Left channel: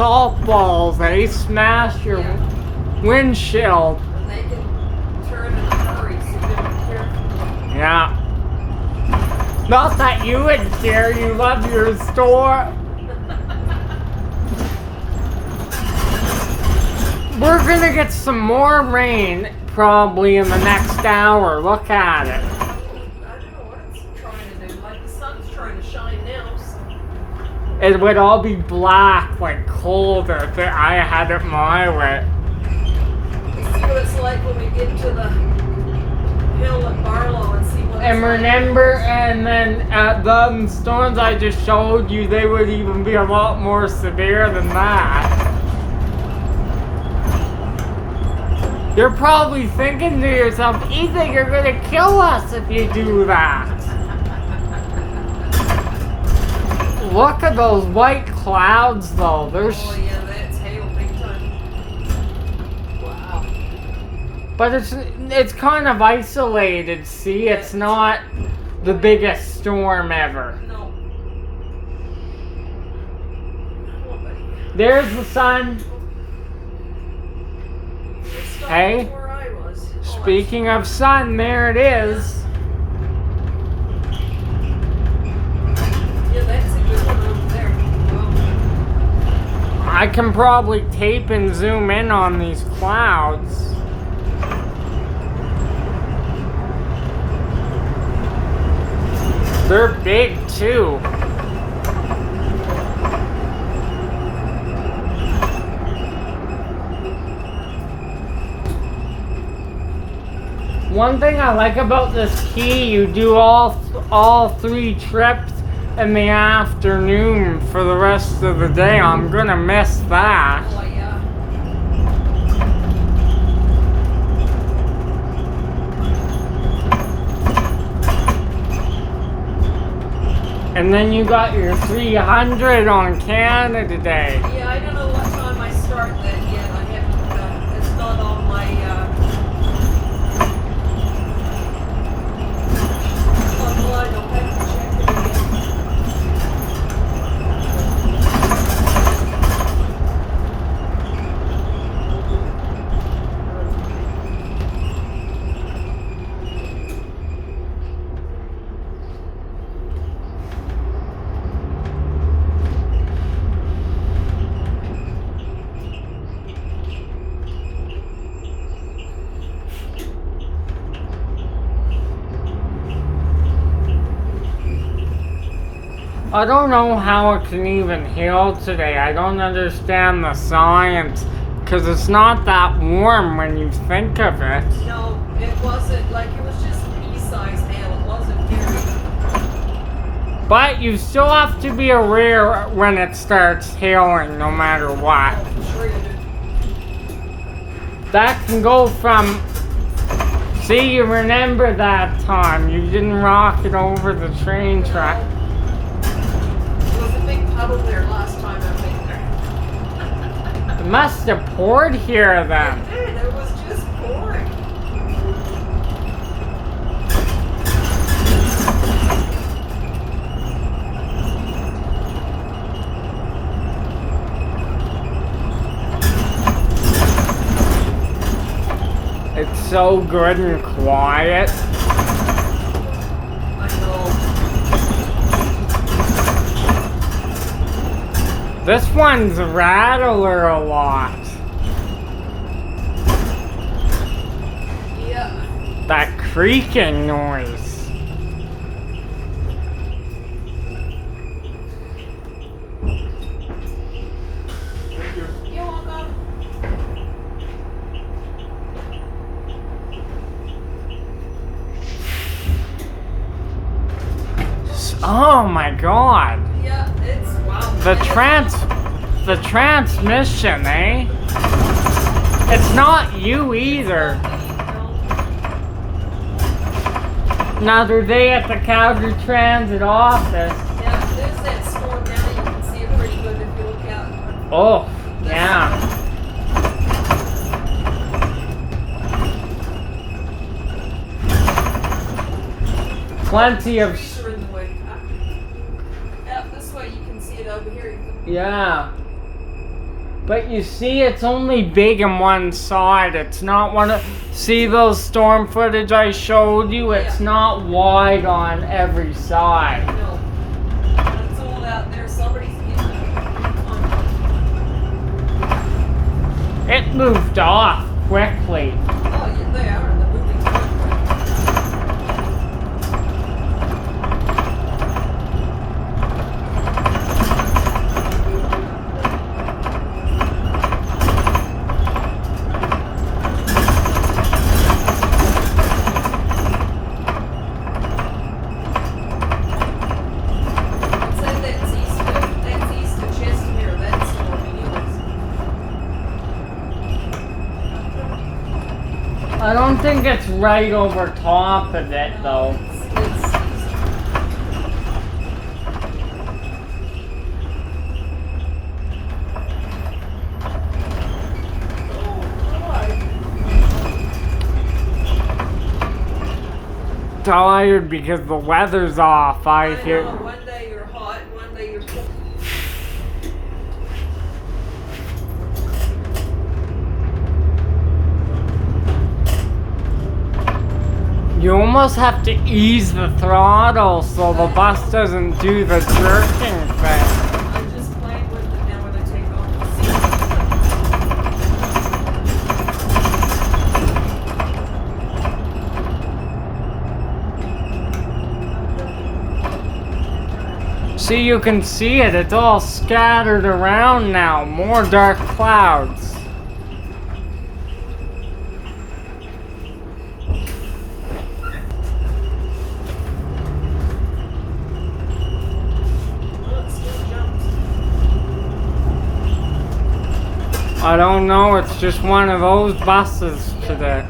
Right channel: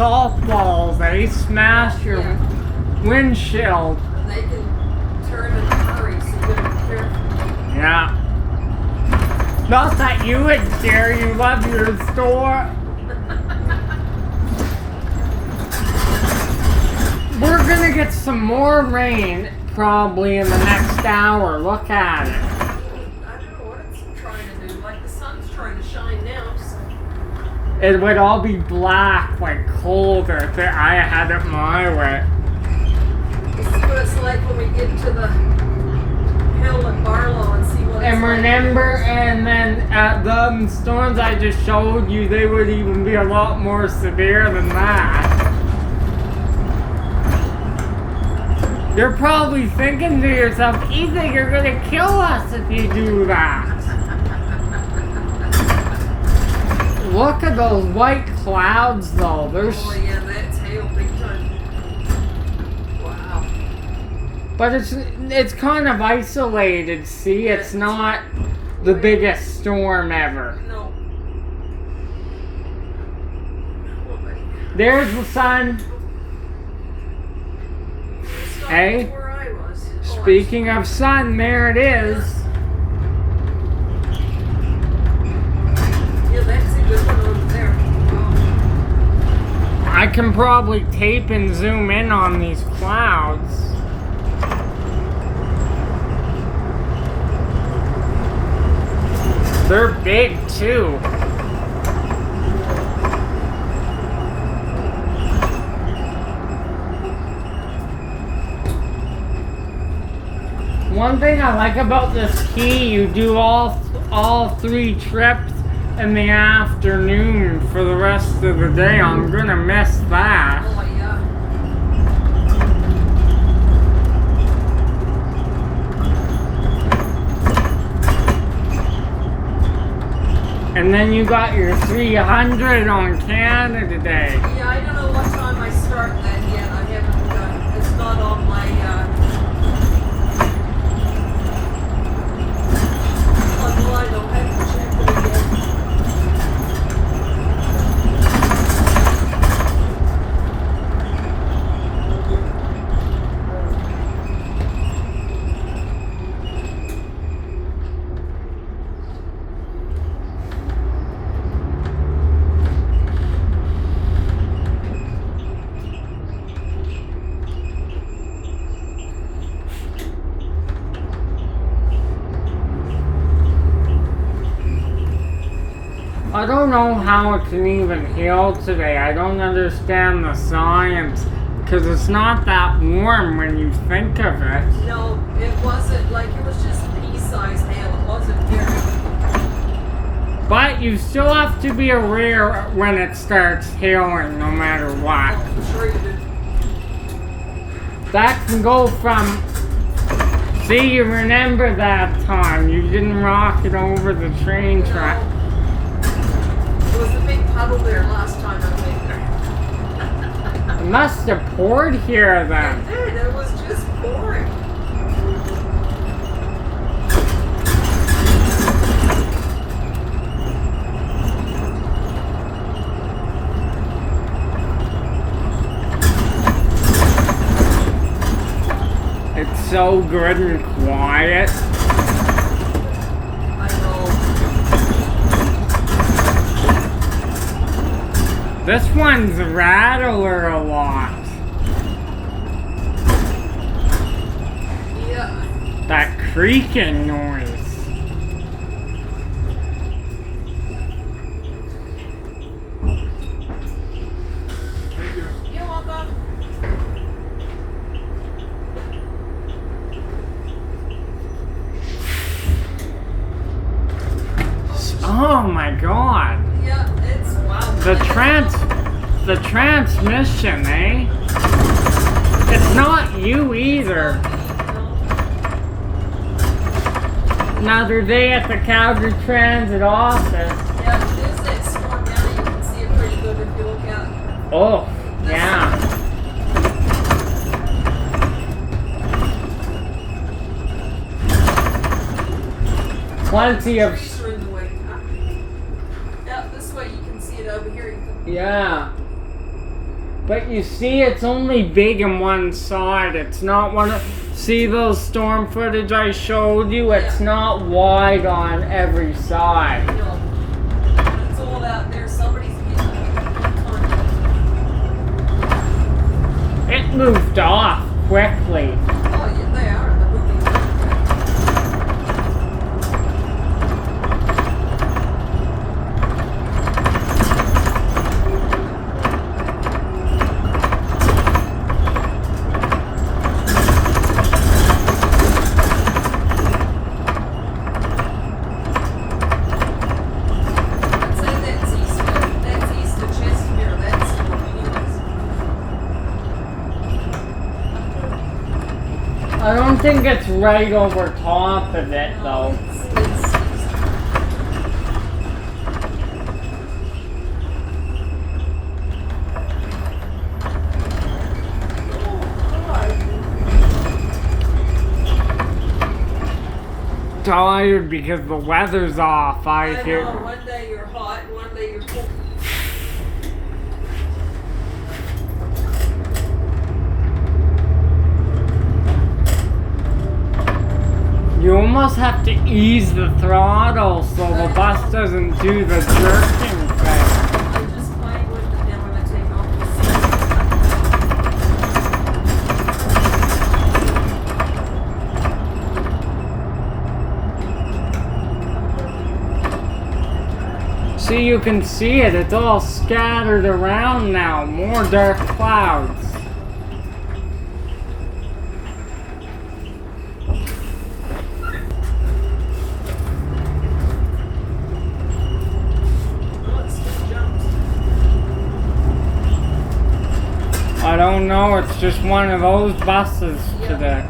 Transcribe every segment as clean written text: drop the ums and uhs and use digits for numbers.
salt balls, they smash your windshield. And they can turn in a hurry, so you gotta be careful. Yeah. Not that you would care, you love your store. We're gonna get some more rain probably in the next hour. Look at it. I don't know what it's trying to do. Like the sun's trying to shine now, so. It would all be black, like colder. I had it my way. You see what it's like when we get to the hill at Barlow and see what it's And remember, like. and then the storms I just showed you, they would even be a lot more severe than that. You're probably thinking to yourself, Ethan, you're gonna kill us if you do that. Look at those white clouds though. They're Oh yeah, that's hail big time. Wow. But it's kind of isolated, see? It's not the biggest storm ever. No. There's the sun. Hey, Where I was. speaking of sun, there it is. Yeah, that's a good one over there. Wow. I can probably tape and zoom in on these clouds. They're big too. One thing I like about this key, you do all 3 trips in the afternoon for the rest of the day. I'm gonna miss that. Oh yeah. And then you got your 300 on Canada Day. Yeah, I don't know what time I start that yet. I haven't. It's not on my. Online. I'll have to check it again. I don't know how it can even heal today. I don't understand the science. Because it's not that warm when you think of it. No, it wasn't. Like it was just pea-sized hail. It wasn't very. But you still have to be aware when it starts hailing, no matter what. I'm sure you did. That can go from... See, you remember that time. You didn't rock it over the train track. There was a big puddle there last time I think. It must have poured here then. It did. It was just pouring. It's so good and quiet. I know. This one's a rattler a lot. Yeah. That creaking noise. You're welcome. Oh my god. Yeah, it's wow. The transmission, eh? It's not you either. Another day at the Calgary Transit office. Yeah, there's that storm now. You can see it pretty good if you look out. Oh, yeah. Plenty of... Trees are in the way. Yeah, this way you can see it over here. You can. Yeah. But you see, it's only big on one side. It's not one of... See those storm footage I showed you? It's not wide on every side. No. It's all out there. Somebody's getting it. It moved off quickly. Oh, yeah, they are. They're moving quickly. I don't think it's right over top of it though. Tired because the weather's off. I know, one day you're hot, one day you're cold. You almost have to ease the throttle so the bus doesn't do the jerking thing. I'm just playing with it now when I take off the seat. See, you can see it. It's all scattered around now. More dark clouds. I don't know, it's just one of those buses today.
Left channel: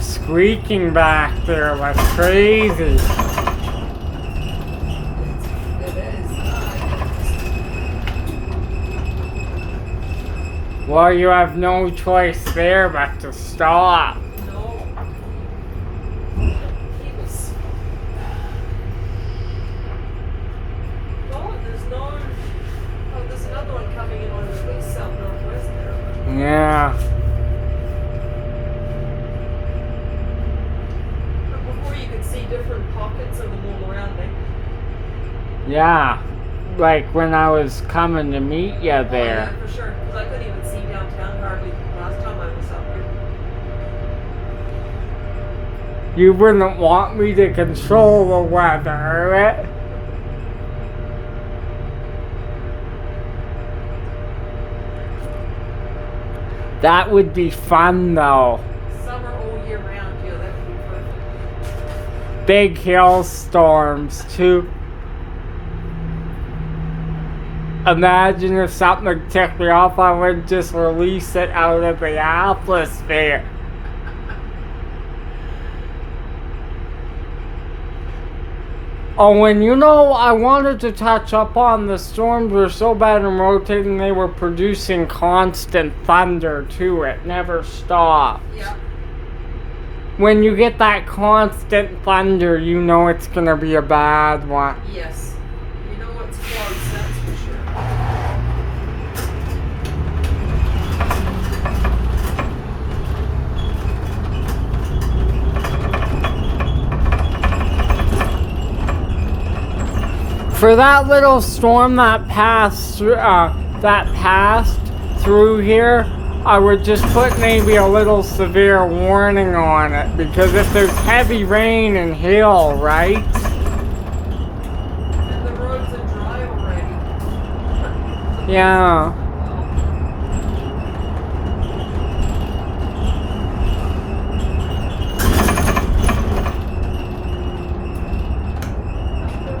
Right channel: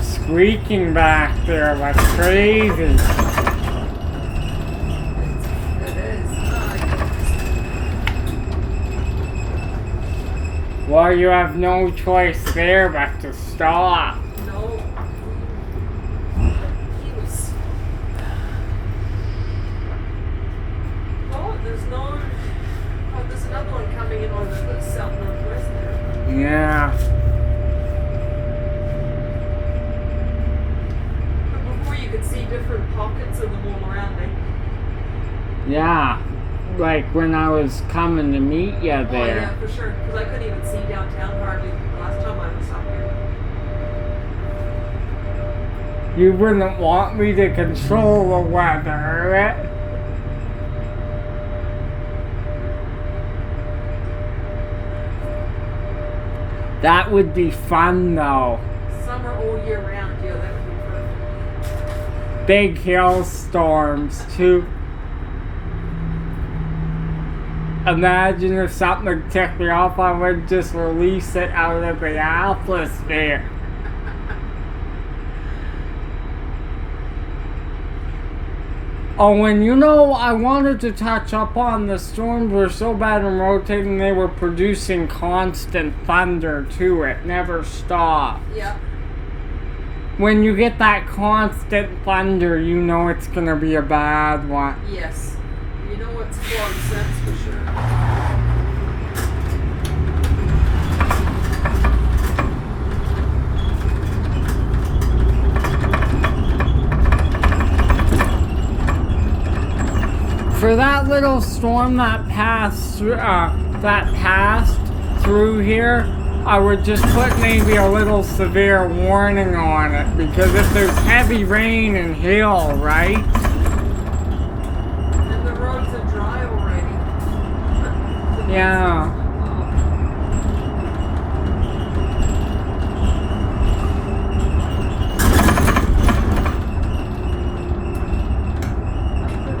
Squeaking back there like crazy. It is. Well, you have no choice there but to stop. There's another one coming in on the south northwest there. Yeah. But before you could see different pockets of them all around me. Yeah. Like when I was coming to meet you there. Oh, yeah, for sure. Because I couldn't even see downtown hardly last time I was up here. You wouldn't want me to control the weather, right? That would be fun though. Summer all year round, yeah, that would be perfect. Big hailstorms too. Imagine if something took me off, I would just release it out of the atmosphere. Oh, and you know, I wanted to touch up on the storms were so bad and rotating, they were producing constant thunder too. It never stopped. Yeah. When you get that constant thunder, you know it's gonna be a bad one. Yes. You know it's close, that's for sure. For that little storm that passed through here, I would just put maybe a little severe warning on it, because if there's heavy rain and hail, right? And the roads are dry already. Yeah.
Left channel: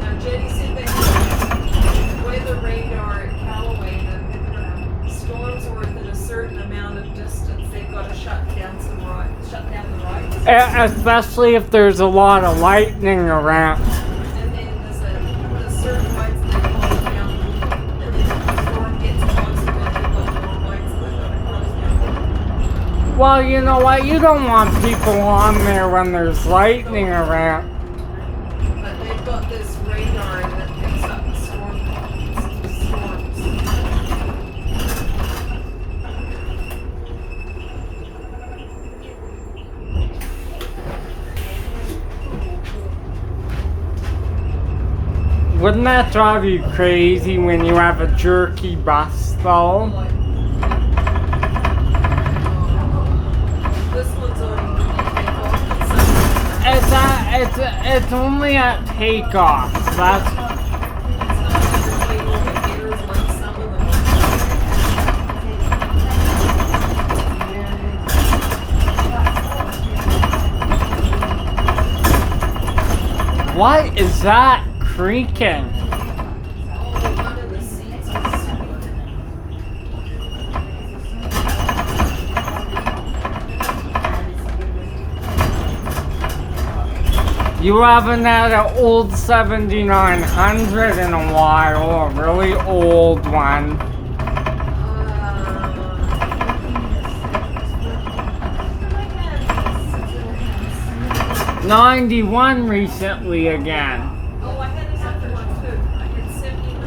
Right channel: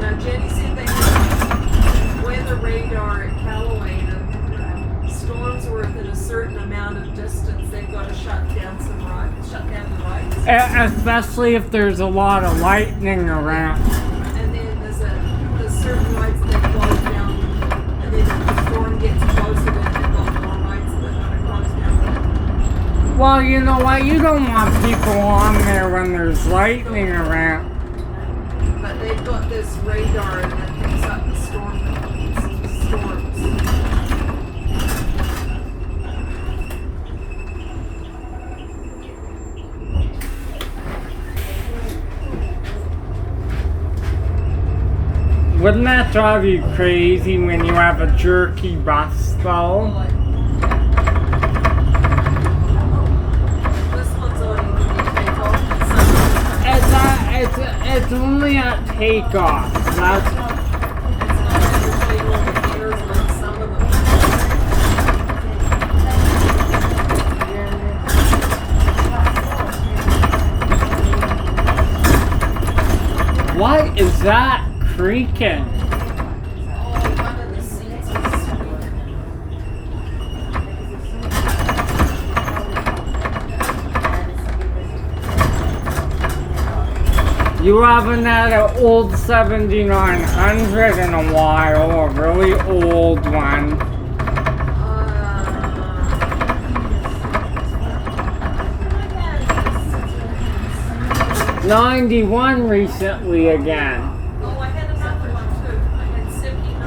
Now Jenny said they had weather radar at Callaway, and storms were within a certain amount of distance, they've got to shut down the rides. Especially if there's a lot of lightning around. And then there's certain rides that go down, and then if the storm gets closer, then they've got more rides that are going to cross down. Well, you know what? You don't want people on there when there's lightning around. But they've got this radar that picks up storms. Wouldn't that drive you crazy when you have a jerky bus, though? This one's on takeoff. It's only at takeoff. That's It's not entertaining indicators like some of them. what is that creaking? Oh, one of the seats is You haven't had an old 7900 in a while, a really old one. 91 recently again. Oh, I had another one too. I had 79.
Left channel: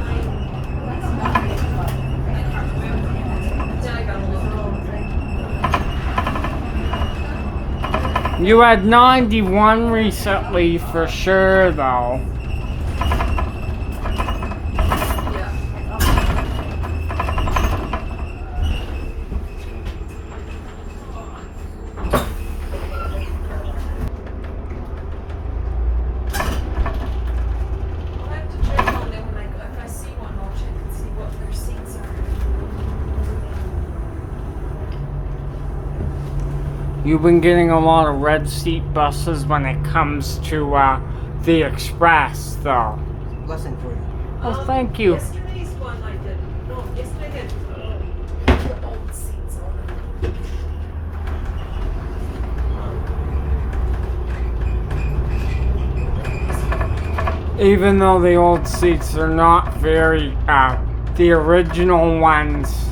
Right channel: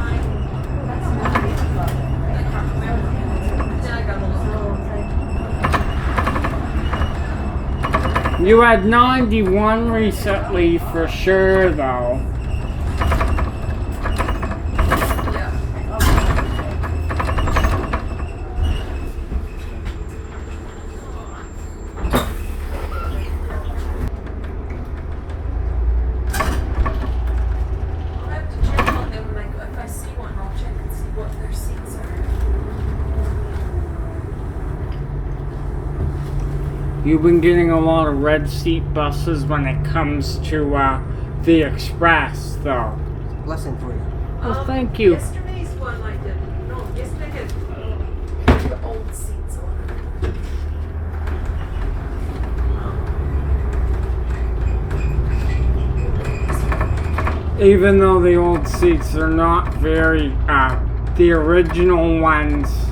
I can't remember. Yeah, I got a little. You had 91 recently for sure, though. Yeah. I'll have to check on them when if I see one, I'll check and see what their seats are. You've been getting a lot of red seat buses when it comes to the express, though. Blessing for you. Oh, thank you. Yesterday's one I didn't. No, yesterday had the old seats on it. Even though the old seats are not very, the original ones,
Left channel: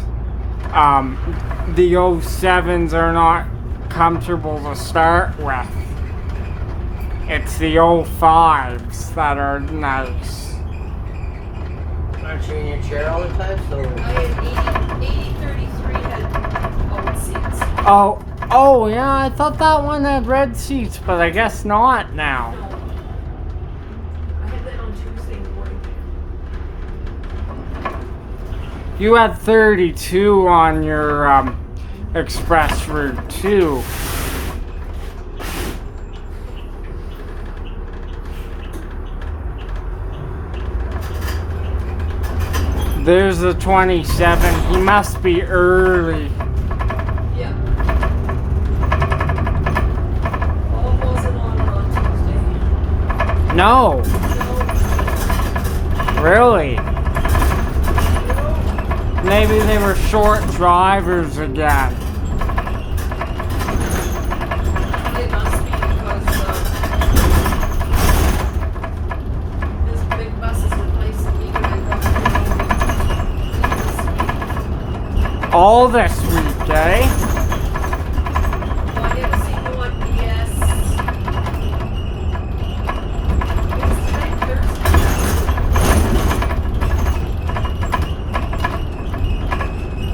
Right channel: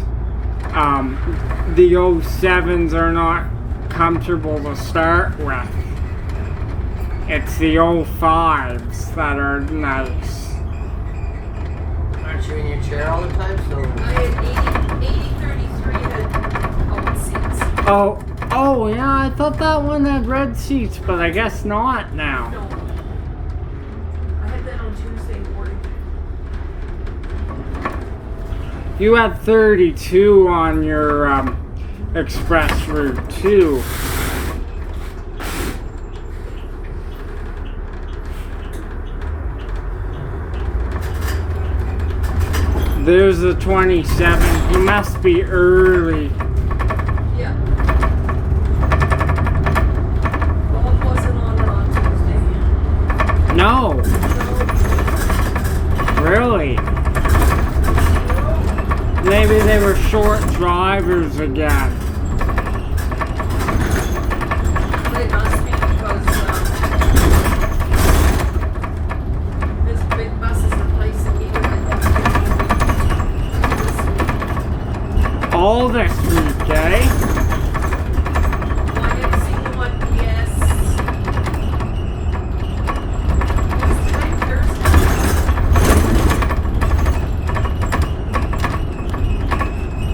the 07s are not comfortable to start with. It's the 05s that are nice. Aren't you in your chair all the time? So I had 8033 had old seats. Oh yeah, I thought that one had red seats, but I guess not now. No. I had that on Tuesday morning. You had 32 on your express route too. There's the 27. He must be early. Yeah. Well, it wasn't on Tuesday. No, really. Maybe they were short drivers again. They must be because this big bus is replacing me with All this week, eh? Well, I haven't seen the one, yes.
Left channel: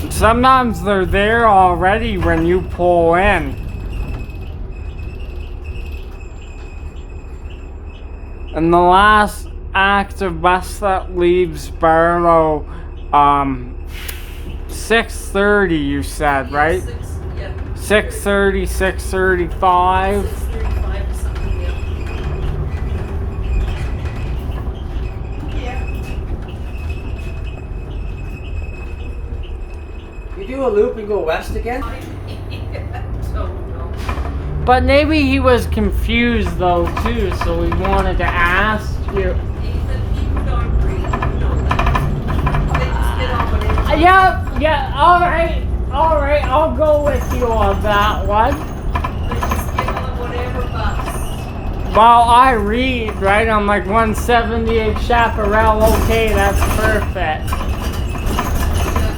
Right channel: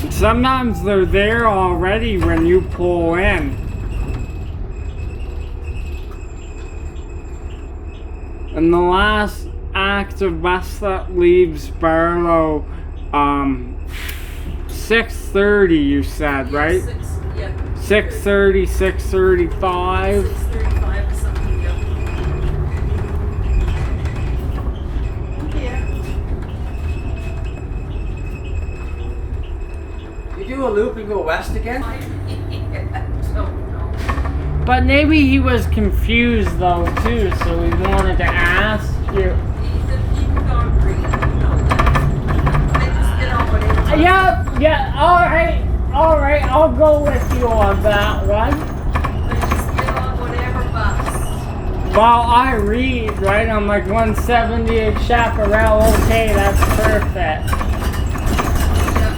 It's Thursday. Sometimes they're there already when you pull in. And the last active bus that leaves Barlow, 6:30 you said, right? 6:30, 6:35. 6:35 or something, yeah. you do a loop and go west again? I don't know. But maybe he was confused though too, so he wanted to ask you. Ethan don't read, you know that. I just get on whatever. Yeah, alright, I'll go with you on that one. I just get on whatever bus. While I read, right, I'm like 178 Chaparral, okay, that's perfect. Yeah.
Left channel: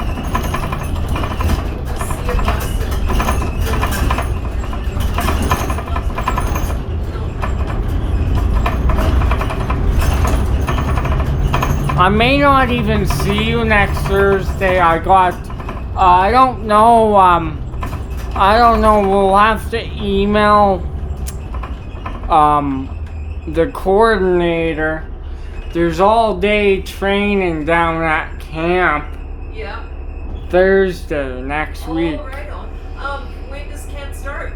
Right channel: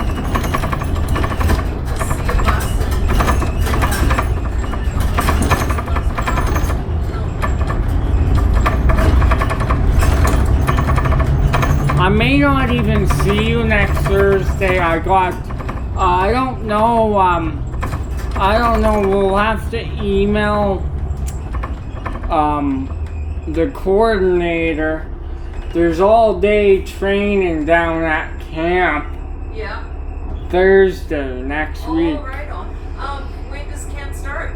Just see a bus and I may not even see you next Thursday. I don't know, we'll have to email, the coordinator. There's all day training down at camp Yeah. Thursday next week. Oh, right on. When does camp start?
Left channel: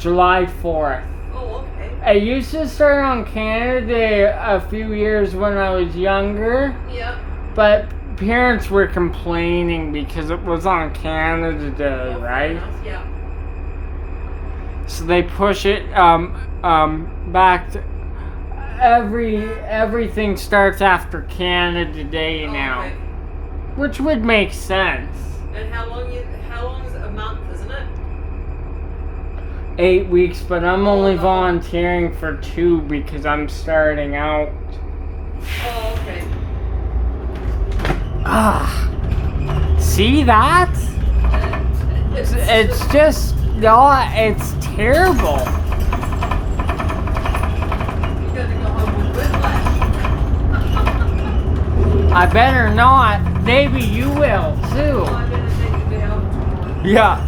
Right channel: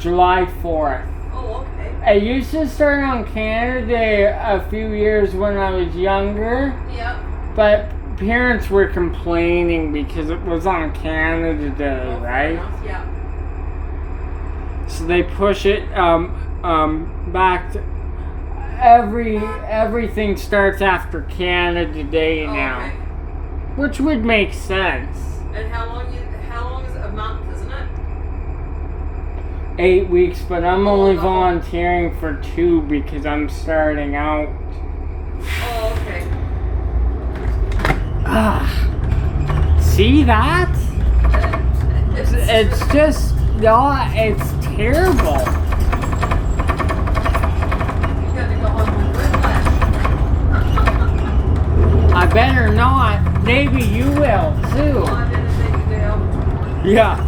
July 4th. Oh, okay. I used to start on Canada Day a few years when I was younger, Yeah. but parents were complaining because it was on Canada Day, right? Yeah. So they push it back to everything starts after Canada Day now, Okay. which would make sense. And how long is it? A month, isn't it? 8 weeks, but I'm only Oh. volunteering for 2 because I'm starting out. Oh, okay. See that? It's just, it's terrible. You gotta go home with whiplash. I better not. Maybe you will too. Oh, I didn't think you'd be able to. Yeah.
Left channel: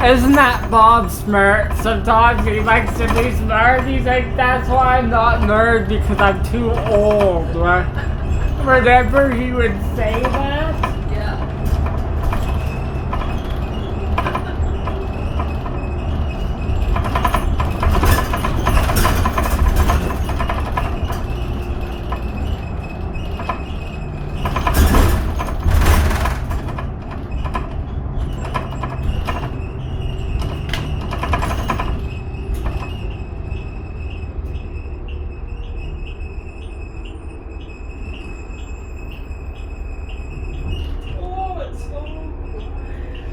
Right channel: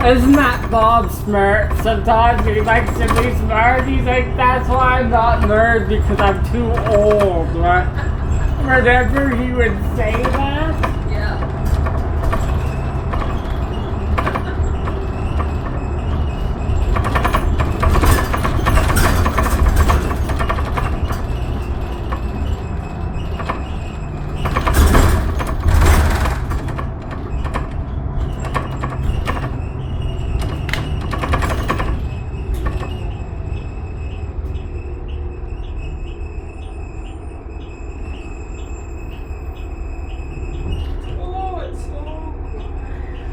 Isn't that Bob smart? Sometimes he likes to be smart. He's like, that's why I'm not nerd because I'm too old. Right? Whenever he would say that. Yeah. Oh, it's so quiet.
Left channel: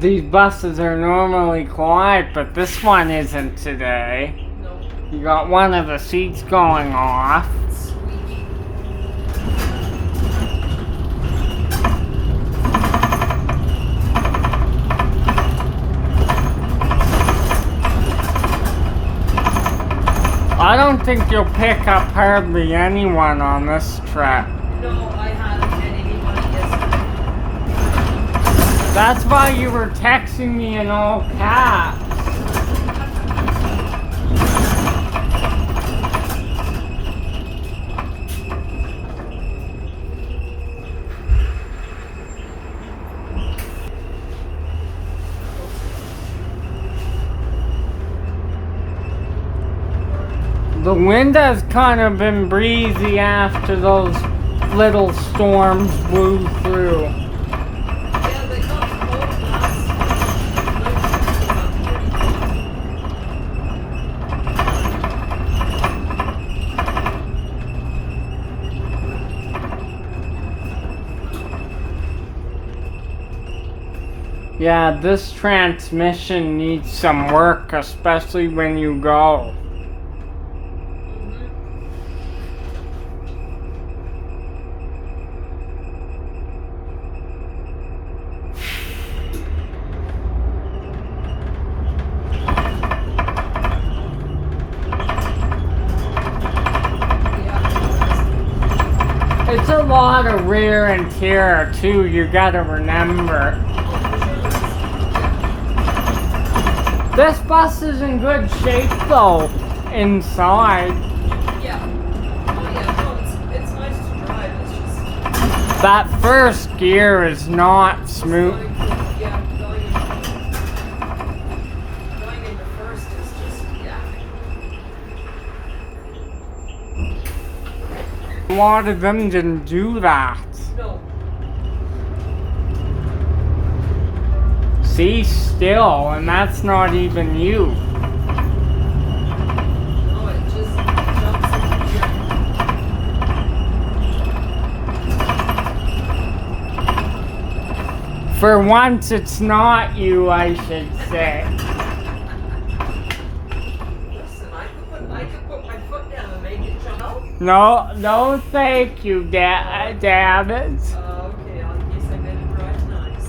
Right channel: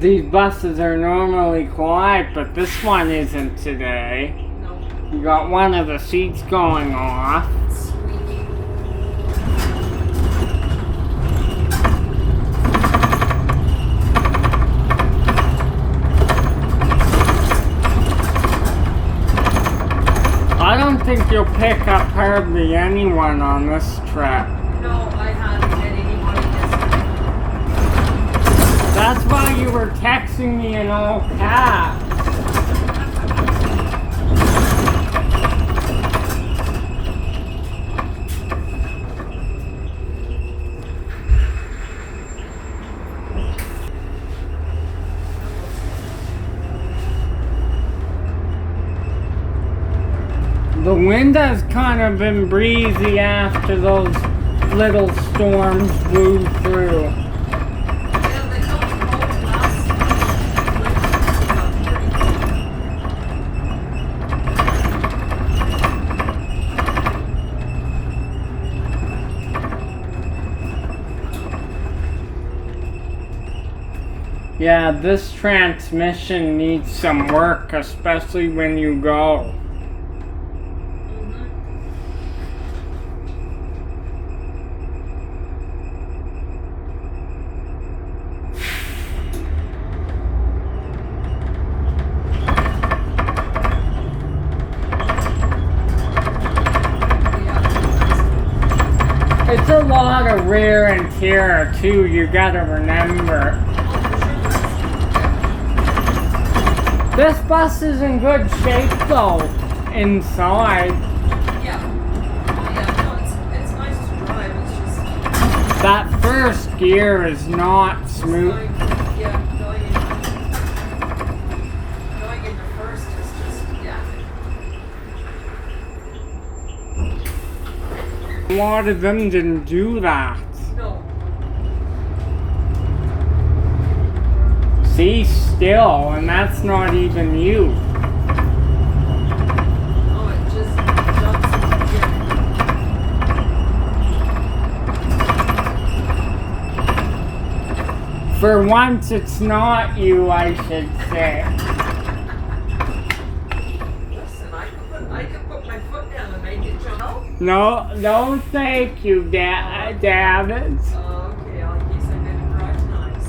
These buses are normally quiet, but this one isn't today. No. You got one of the seats going off. Squeaky. I don't think you'll pick up hardly anyone on this trip. No, I haven't had anybody yesterday. That's why you were texting me in all caps. The wind has kind of been breezy after those little storms blew through. Yeah, they come promoting us. Yeah, this transmission needs some work, especially when you go. It's a lot of wear and tear too, you gotta remember. This bus is in good shape though, inside. Yeah. Yeah, no, it's nice to drive. It's just That first gear is not smooth. going into first is just, yeah. A lot of them didn't do that. No. See, still, and that's not even you. Oh, it just jumps into gear. For once, it's not you, I should say. Listen, I could put my foot down and make it jump out. No, thank you, David. Oh, okay, I guess I gotta drive nice.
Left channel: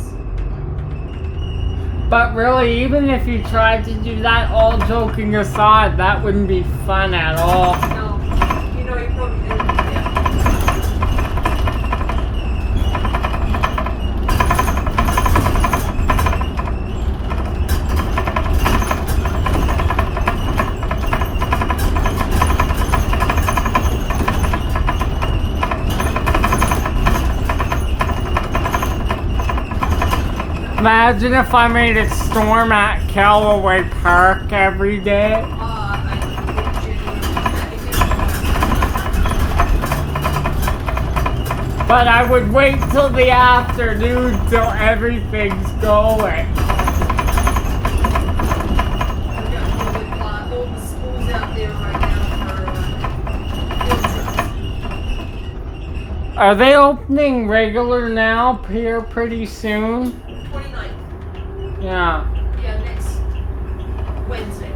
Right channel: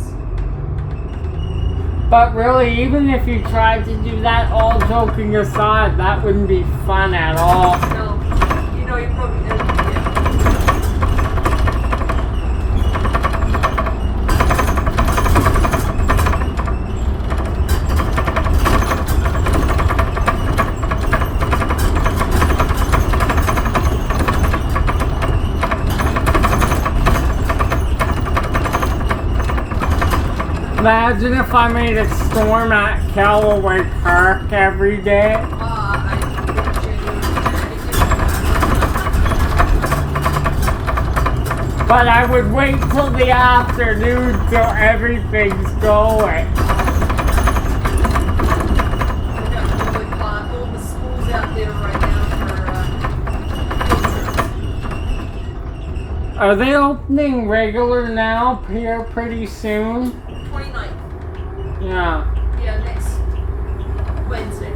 But really, even if you tried to do that, all joking aside, that wouldn't be fun at all. No, you know, you probably did. Yeah. Imagine if I made a storm at Callaway Park every day. I think But I would wait till the afternoon till everything's going. we've got really all the schools out there right now for Are they opening regular now here pretty soon? 29th. Yeah. Yeah, next Wednesday.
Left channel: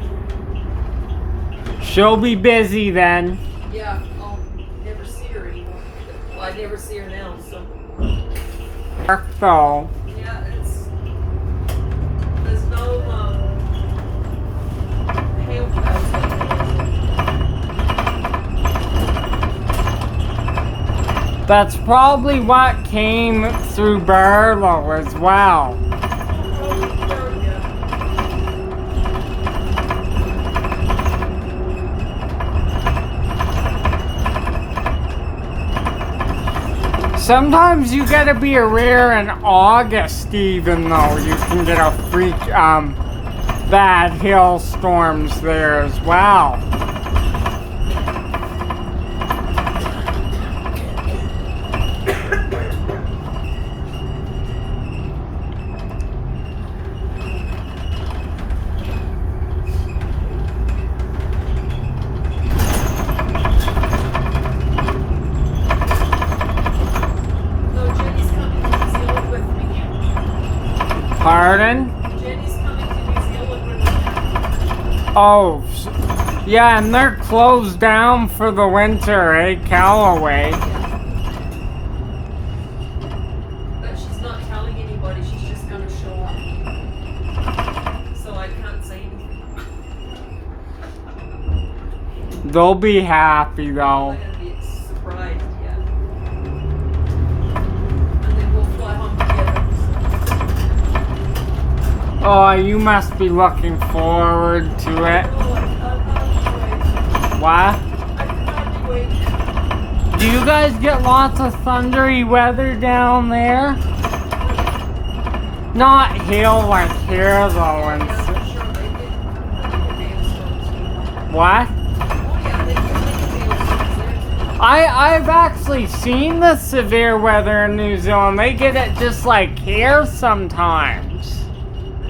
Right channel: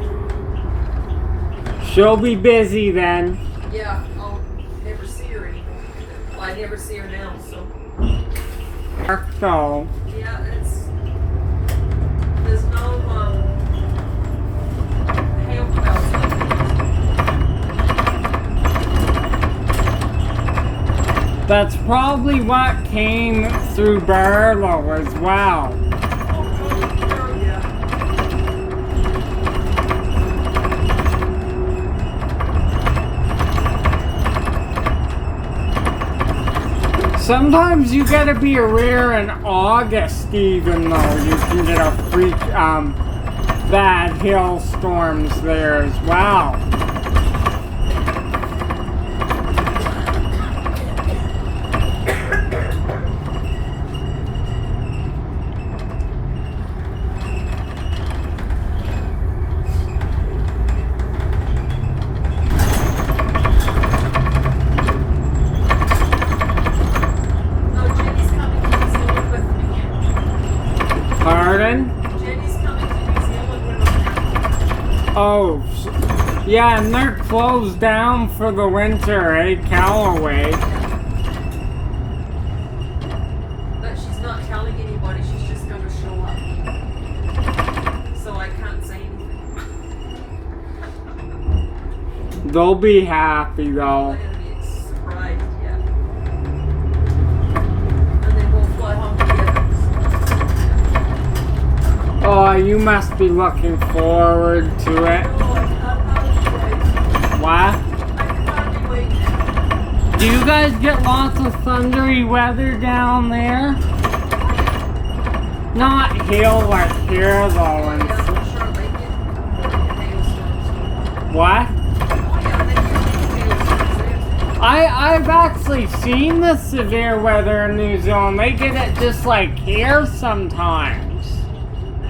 She'll be busy then. Yeah, I'll never see her anymore. Well, I never see her now, so. Park though. Yeah, there's no, hail clouds like this. That's probably what came through Barlow as well. Yeah. Sometimes you gotta be a rare in August even though you can get a freak bad hailstorms there as well. No, Jenny's coming to New Zealand with me. Pardon? Jenny's coming to New Zealand with me. Oh, yeah, and they're closed down for the winter, eh, Callaway? But she's not telling anybody, she's just gonna show up. So I can't say anything. They'll be happy I'm though. gonna be surprised, yeah. And then we'll fly home together. Oh, you must be looking forward to it. Oh, I can't wait. What? I can hardly wait. Do you guys get lots of thundery weather down there? Not hail like here though. Yeah, And I'm sure they get hailstorms. what? Oh yeah, they get hailstorms there. I've actually seen the severe weather in New Zealand. They get it just like here sometimes.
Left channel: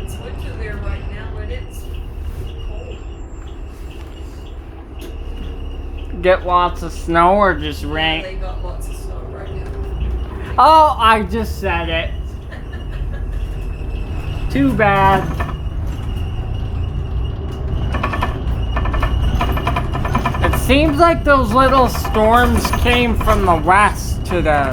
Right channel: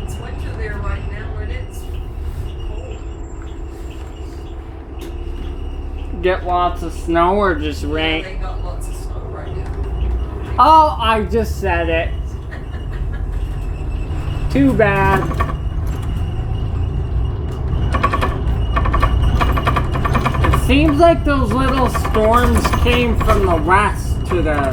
It's winter there right now and it's cold. Get lots of snow or just They rain. got lots of snow right now. Oh, I just said it. Too bad. It seems like those little storms came from the west today.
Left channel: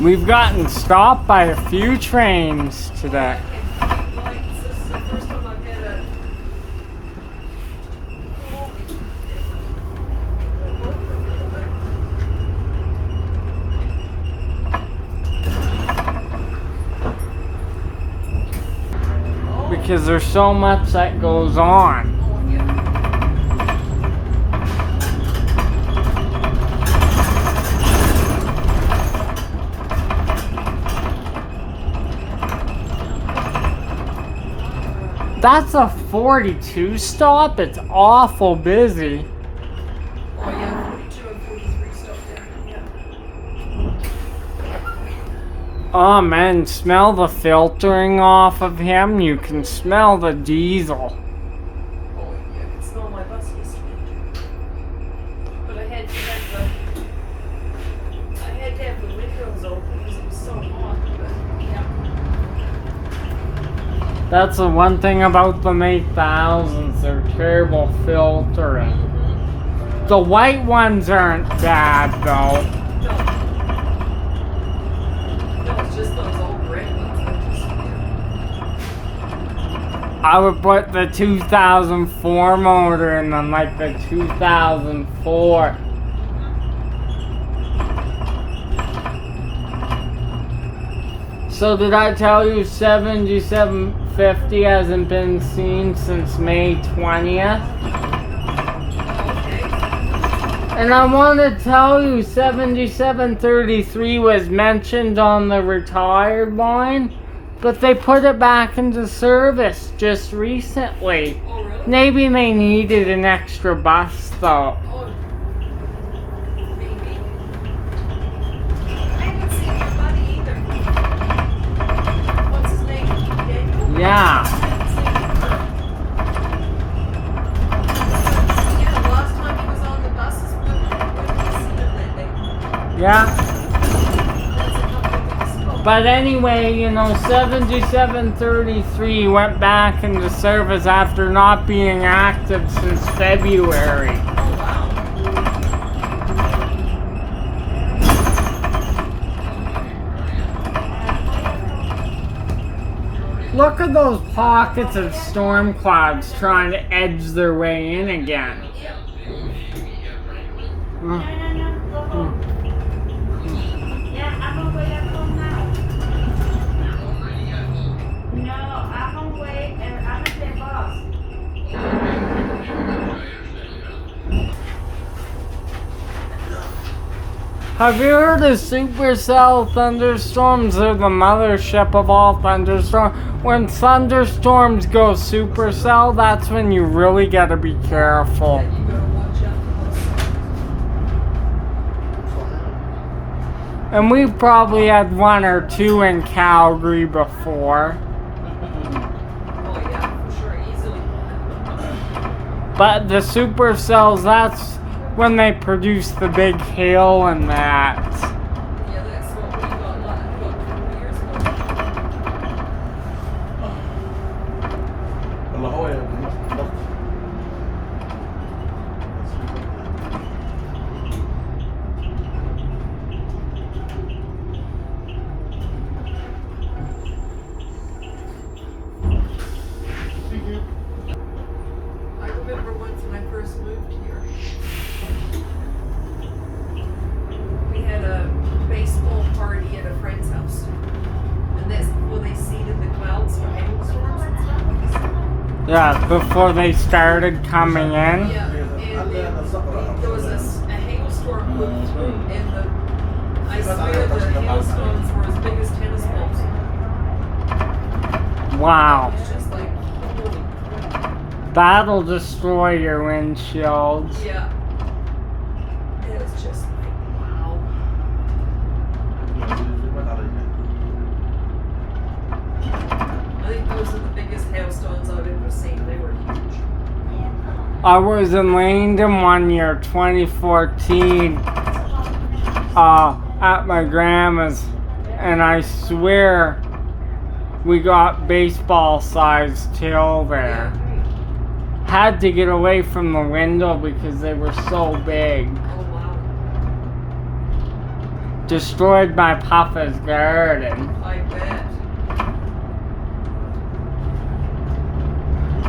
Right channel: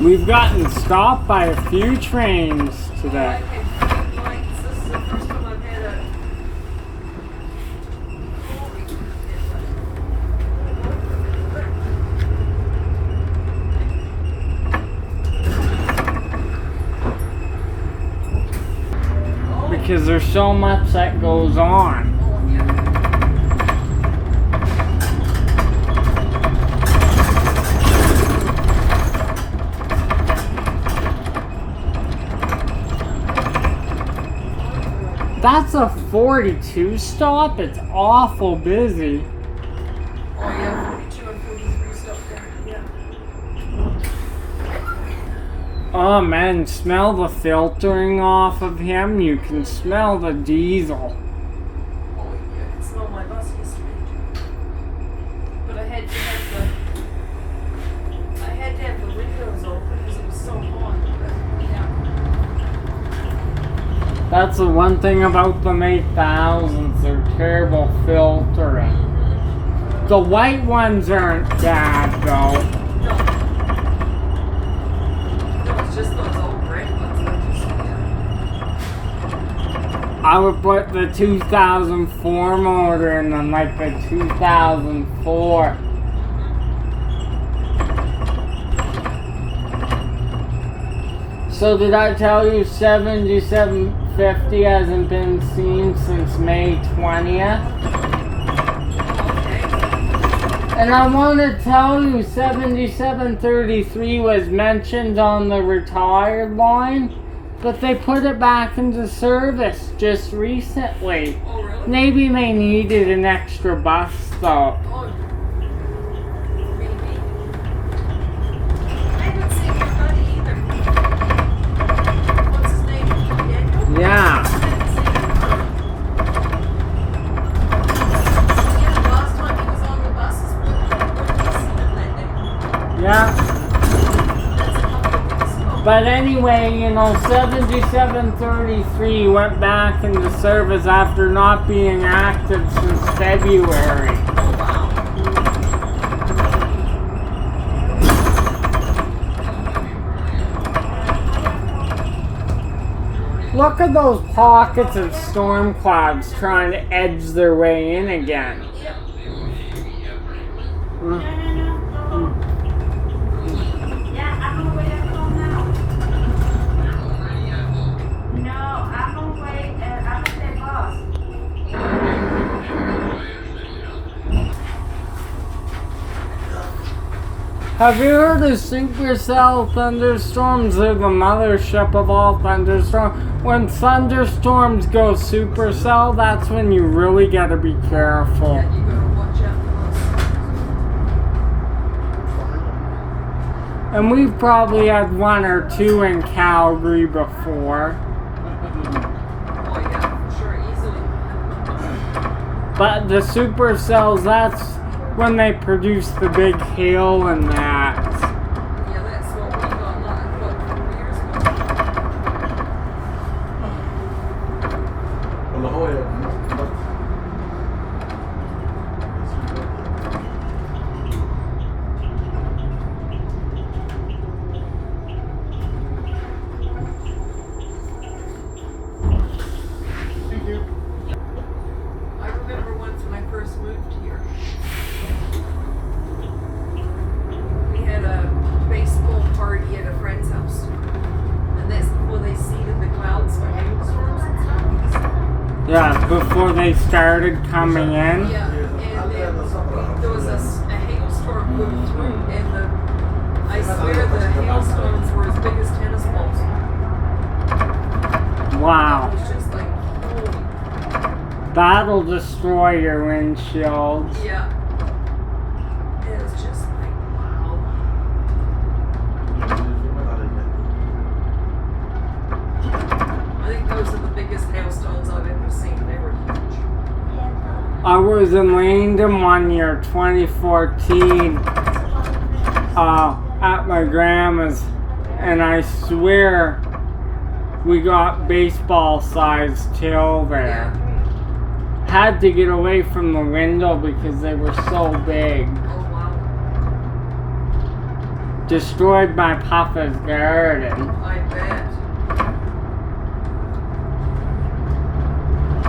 We've gotten stopped by a few trains today. This is the first time I've had a. Because there's so much that goes on. Oh, yeah. That's a 42 stop. It's awful busy. Oh, yeah, 42 and 43 stop there. Yeah. Oh man, smell the filtering off of him. You can smell the diesel. Oh, yeah, I can smell my bus yesterday. But I had to have the windows open. That's the one thing about the 8000s, they're terrible filtering. The white ones aren't bad though. No, it's just those old red ones that just. I would put the 2004 motor in them, like the 2004. So did I tell you 7750 hasn't been seen since May 20th? And I want to tell you 7733 was mentioned on the retired line, but they put it back into service just recently. Oh, really? Maybe they needed an extra bus though. Oh, maybe. I haven't seen your buddy either. What's his name? Daniel? Yeah. Yeah, last time he was on the buses, we wouldn't seen him that day. Yeah. That's a couple of weeks ago. But anyway, you know, 7733 went back into service after not being active since February. Oh, wow. Look at those pockets of storm clouds trying to edge their way in again. Yep. Mm. Yeah, I'm on the way back home now. No, I'm on the way, I'm at the bus. Have you heard of supercell thunderstorms? They're the mothership of all thunderstorms. When thunderstorms go supercell, that's when you really gotta be careful. Yeah, you gotta watch out for those. And we've probably had one or two in Calgary before. Oh, yeah, for sure, easily. But the supercells, that's when they produce the big hail and that. Yeah, that's what we got a lot of years ago. I remember once when I first moved here, we had a baseball party at a friend's house. And that's before they seeded the clouds for hailstorms and stuff. Yeah, before they started coming in. Yeah, and then there was a hailstorm moved through, and I swear the hailstones were as big as tennis balls. Wow. It was just like, holy. That'll destroy your windshields. Yeah. It was just like, wow. I think those are the biggest hailstones I've ever seen. They were huge. I was in Langdon one year, 2014, at my grandma's, and I swear we got baseball-sized hail there. Had to get away from the window because they were so big. Oh, wow. Destroyed my papa's garden. I bet.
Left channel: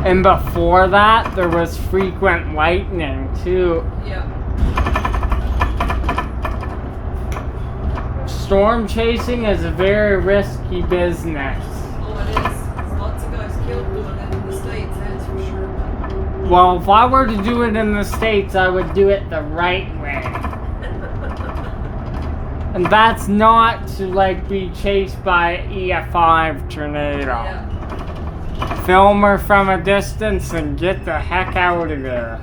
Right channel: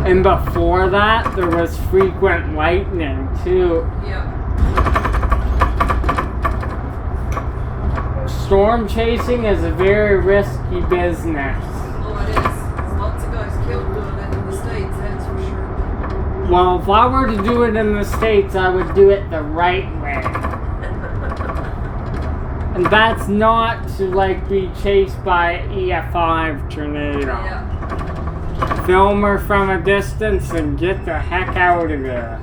And before that, there was frequent lightning too. Yeah. Storm chasing is a very risky business. Oh, it is. There's lots of guys killed doing it in the States, that's for sure. Well, if I were to do it in the States, I would do it the right way. And that's not to like be chased by an EF5 tornado. Yeah. Film her from a distance and get the heck out of there.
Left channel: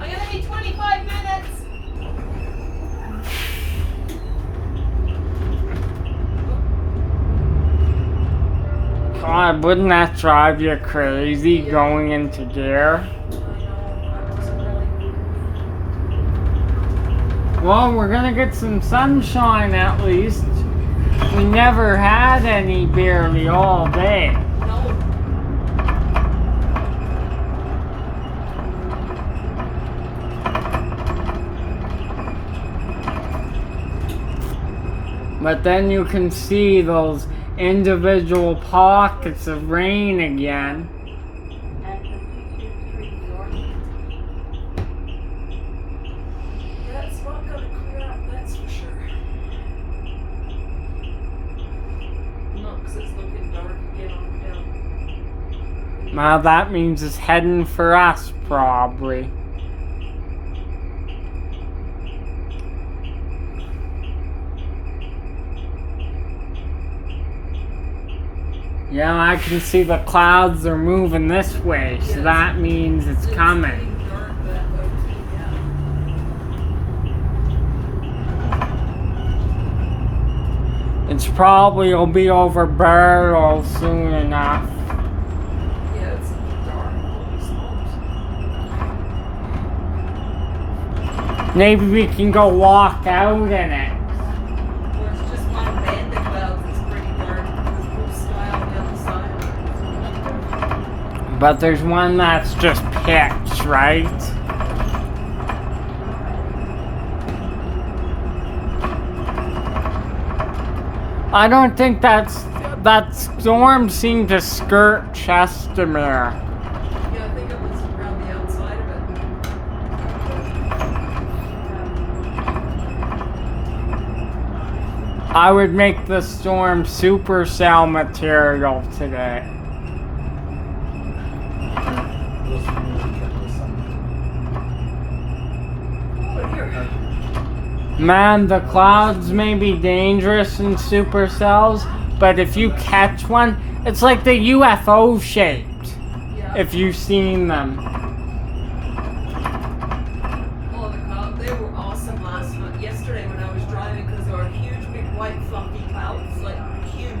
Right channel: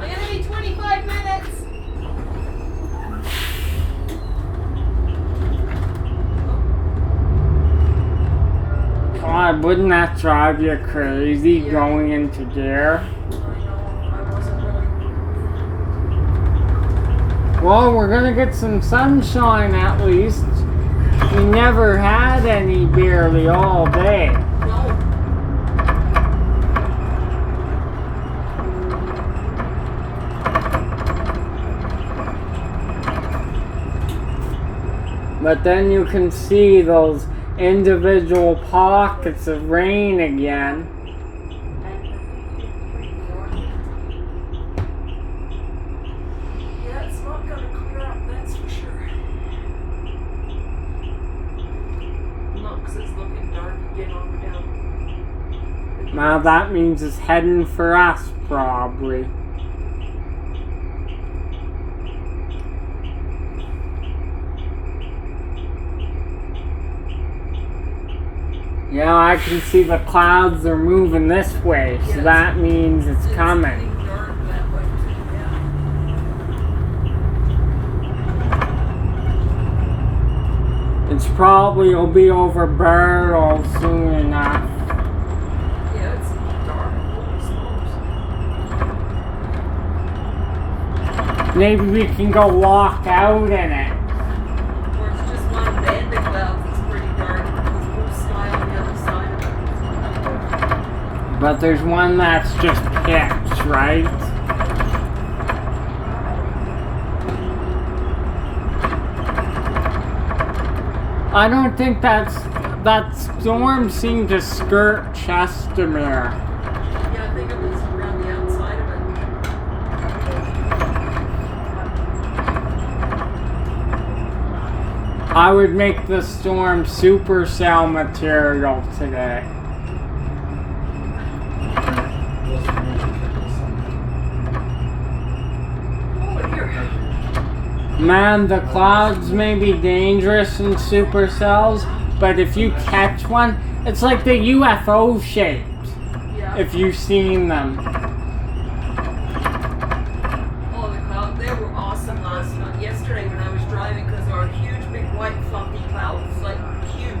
I'm gonna be 25 minutes. God, wouldn't that drive you crazy going into gear? I know, I wasn't really. Well, we're gonna get some sunshine at least. We never had any barely all day. No. But then you can see those individual pockets of rain again. Yeah, it's not gonna clear up, that's for sure. No, 'cause it's looking dark again on down. Well, that means it's heading for us, probably. Yeah, I can see the clouds are moving this way, so Yes. that means it's coming. getting dark that way too, yeah. It's probably will be over Barrow soon enough. Yeah, it's dark. Holy smokes. Maybe we can go walk out in it. Or it's just one band of clouds that's pretty dark. There's blue sky on the other side of it. But there's one that's just pitch, right? I don't think that storm seemed to skirt Chestermere. Yeah, I think it was around the outside of it. I would make the storm supercell material today. Oh, here. Man, the clouds may be dangerous in supercells, but if you catch one, it's like the UFO shaped, Yeah. if you've seen them. Oh, the clouds, they were awesome last night. Yesterday when I was driving, because there were huge, big, white, fluffy clouds, like huge.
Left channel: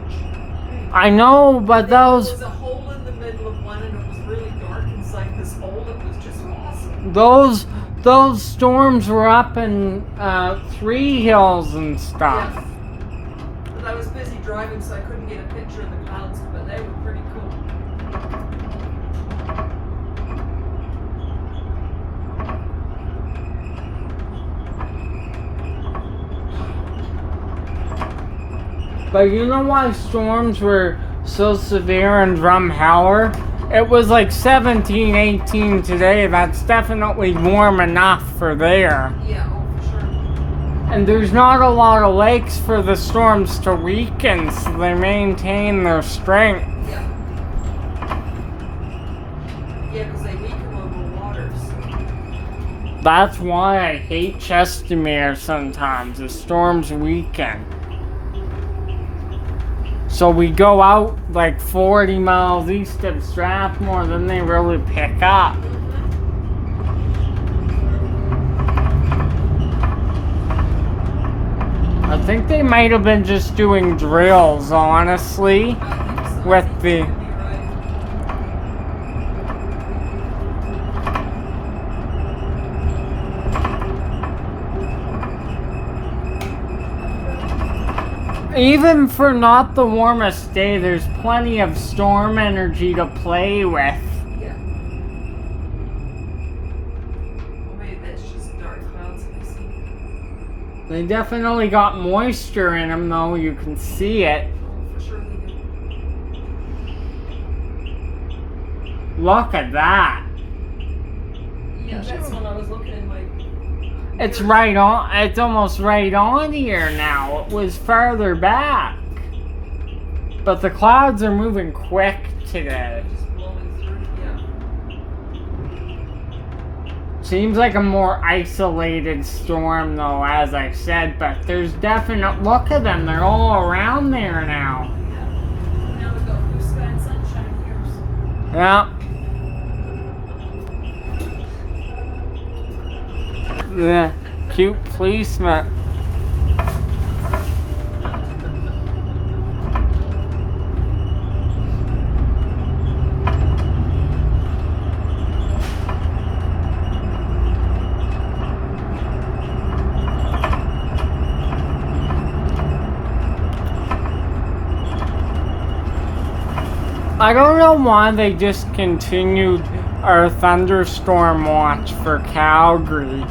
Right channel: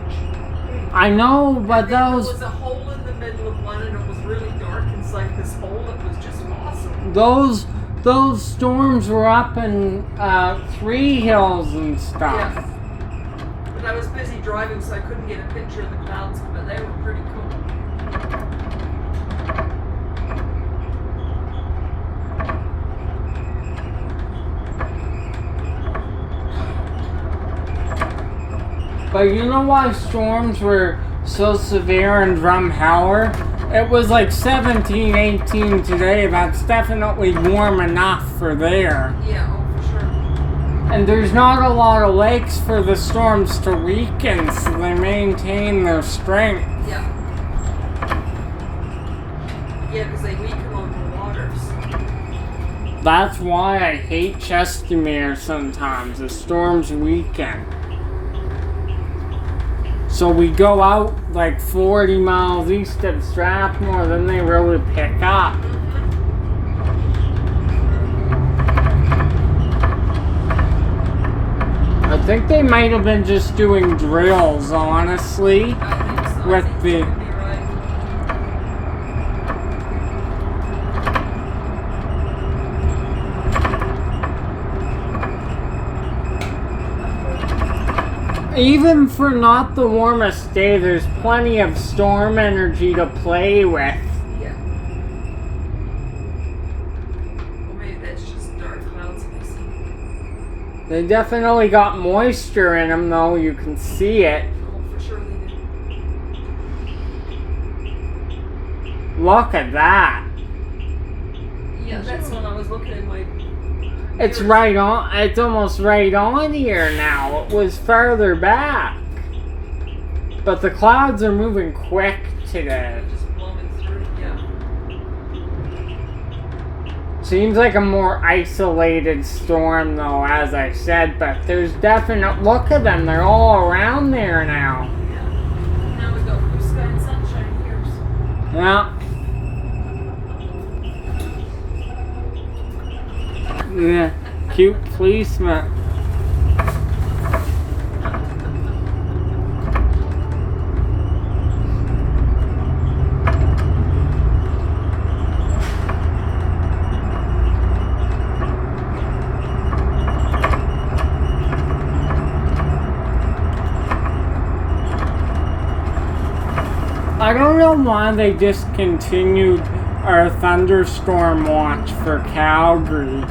I know, but There those was a hole in the middle of one, and it was really dark inside this hole. It was just awesome. those storms were up in Three Hills and stuff. Yes. But I was busy driving, so I couldn't get a picture of the clouds, but they were pretty cool. But you know why storms were so severe in Drumheller? It was like 17, 18 today. That's definitely warm enough for there. Yeah, oh, for sure. And there's not a lot of lakes for the storms to weaken, so they maintain their strength. Yeah. Yeah, because they weaken on the waters. That's why I hate Chestermere sometimes. The storms weaken. So we go out like 40 miles east of Strathmore, then they really pick up. I think they might have been just doing drills, honestly, I think so. with I think the... you could be right. Even for not the warmest day, there's plenty of storm energy to play with. Yeah. Well, maybe that's just dark clouds I see. They definitely got moisture in them, though. You can see it. Oh, for sure they do. Look at that. Yeah, that's when I was looking in my... It's right on. It's almost right on here now. It was farther back. But the clouds are moving quick today. Just blowing through, yeah. Seems like a more isolated storm, though, as I said. But there's definite... Look at them. They're all around there now. Yeah. Now we got blue sky and sunshine here. So. Yeah. Yeah, cute policeman. I don't know why they discontinued our thunderstorm watch for Calgary.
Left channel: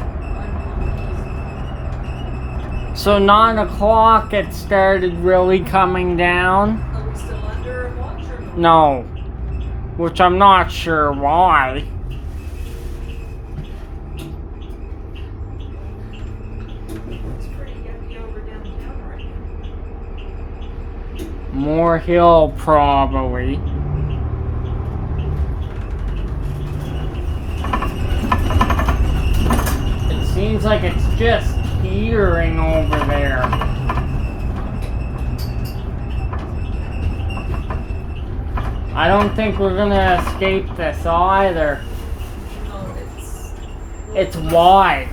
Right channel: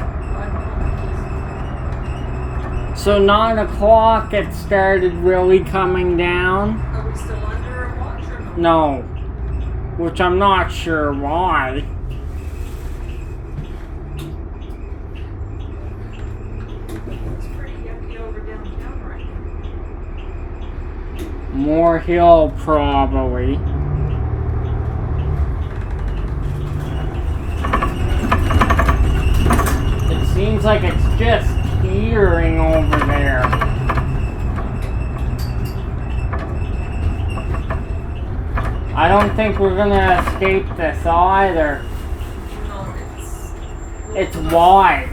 So 9 o'clock it started really coming down. Are we still under a watch or no? No. Which I'm not sure why. It's pretty yucky over downtown right now. More hill, probably. It seems like it's just teetering over there. I don't think we're gonna escape this either. No, It's wide.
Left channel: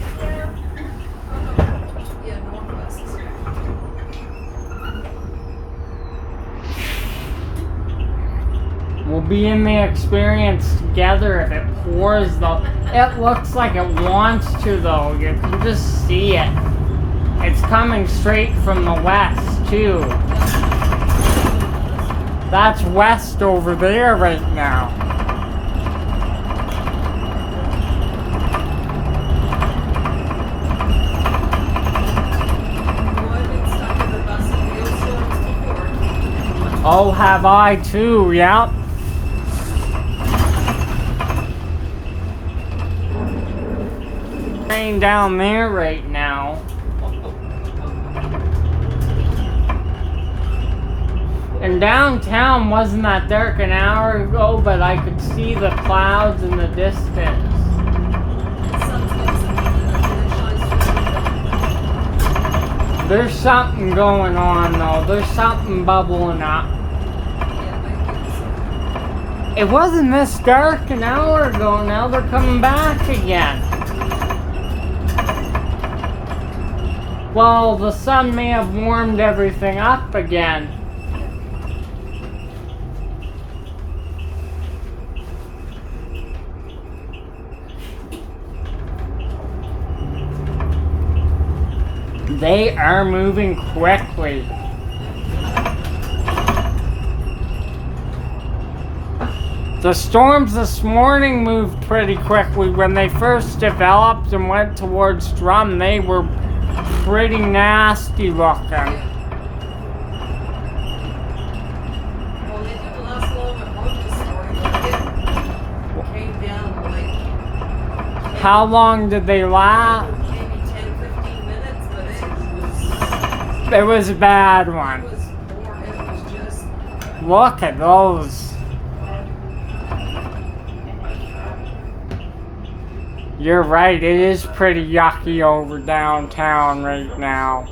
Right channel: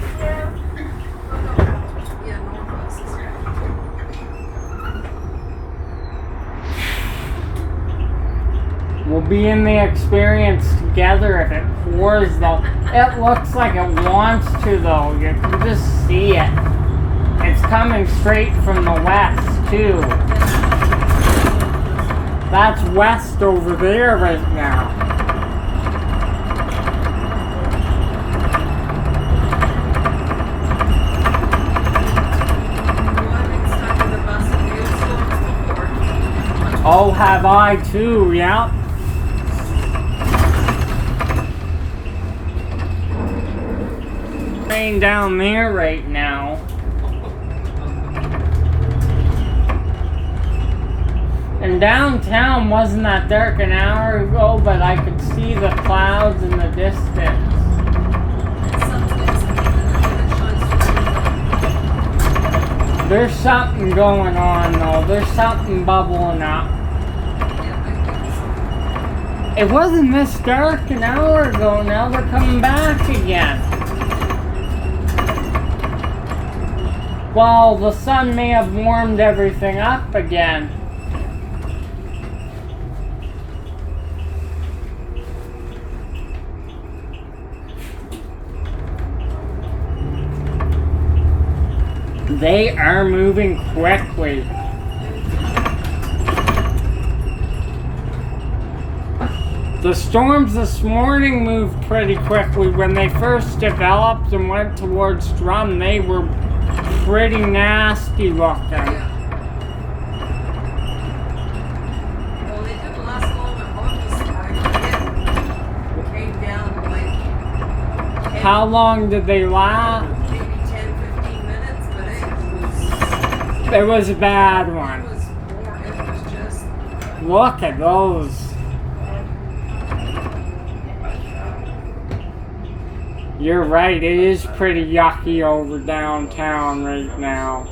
yeah, northwest is right. We'll be in the experience together if it pours though. It looks like it wants to though. You can just see it. It's coming straight from the west too. That's west over there right now. Well, I've been stuck in the bus with hailstorms before. Oh, have I too, yeah. Rain down there right now. And downtown wasn't that dark an hour ago, but I could see the clouds in the distance. There's something going on though. There's something bubbling up. It wasn't this dark an hour ago. Now they're coming back again. Well, the sun may have warmed everything up again. They are moving quickly. The storms this morning moved pretty quickly. When they first developed and went towards Drum, they were pretty nasty looking. Yeah. Well, they didn't last long at home this morning. It came down like. How long did they last? Maybe 10-15 minutes, but It was a bad it one. was more. It was just. Look at those. You're right, it is pretty yucky over downtown right now.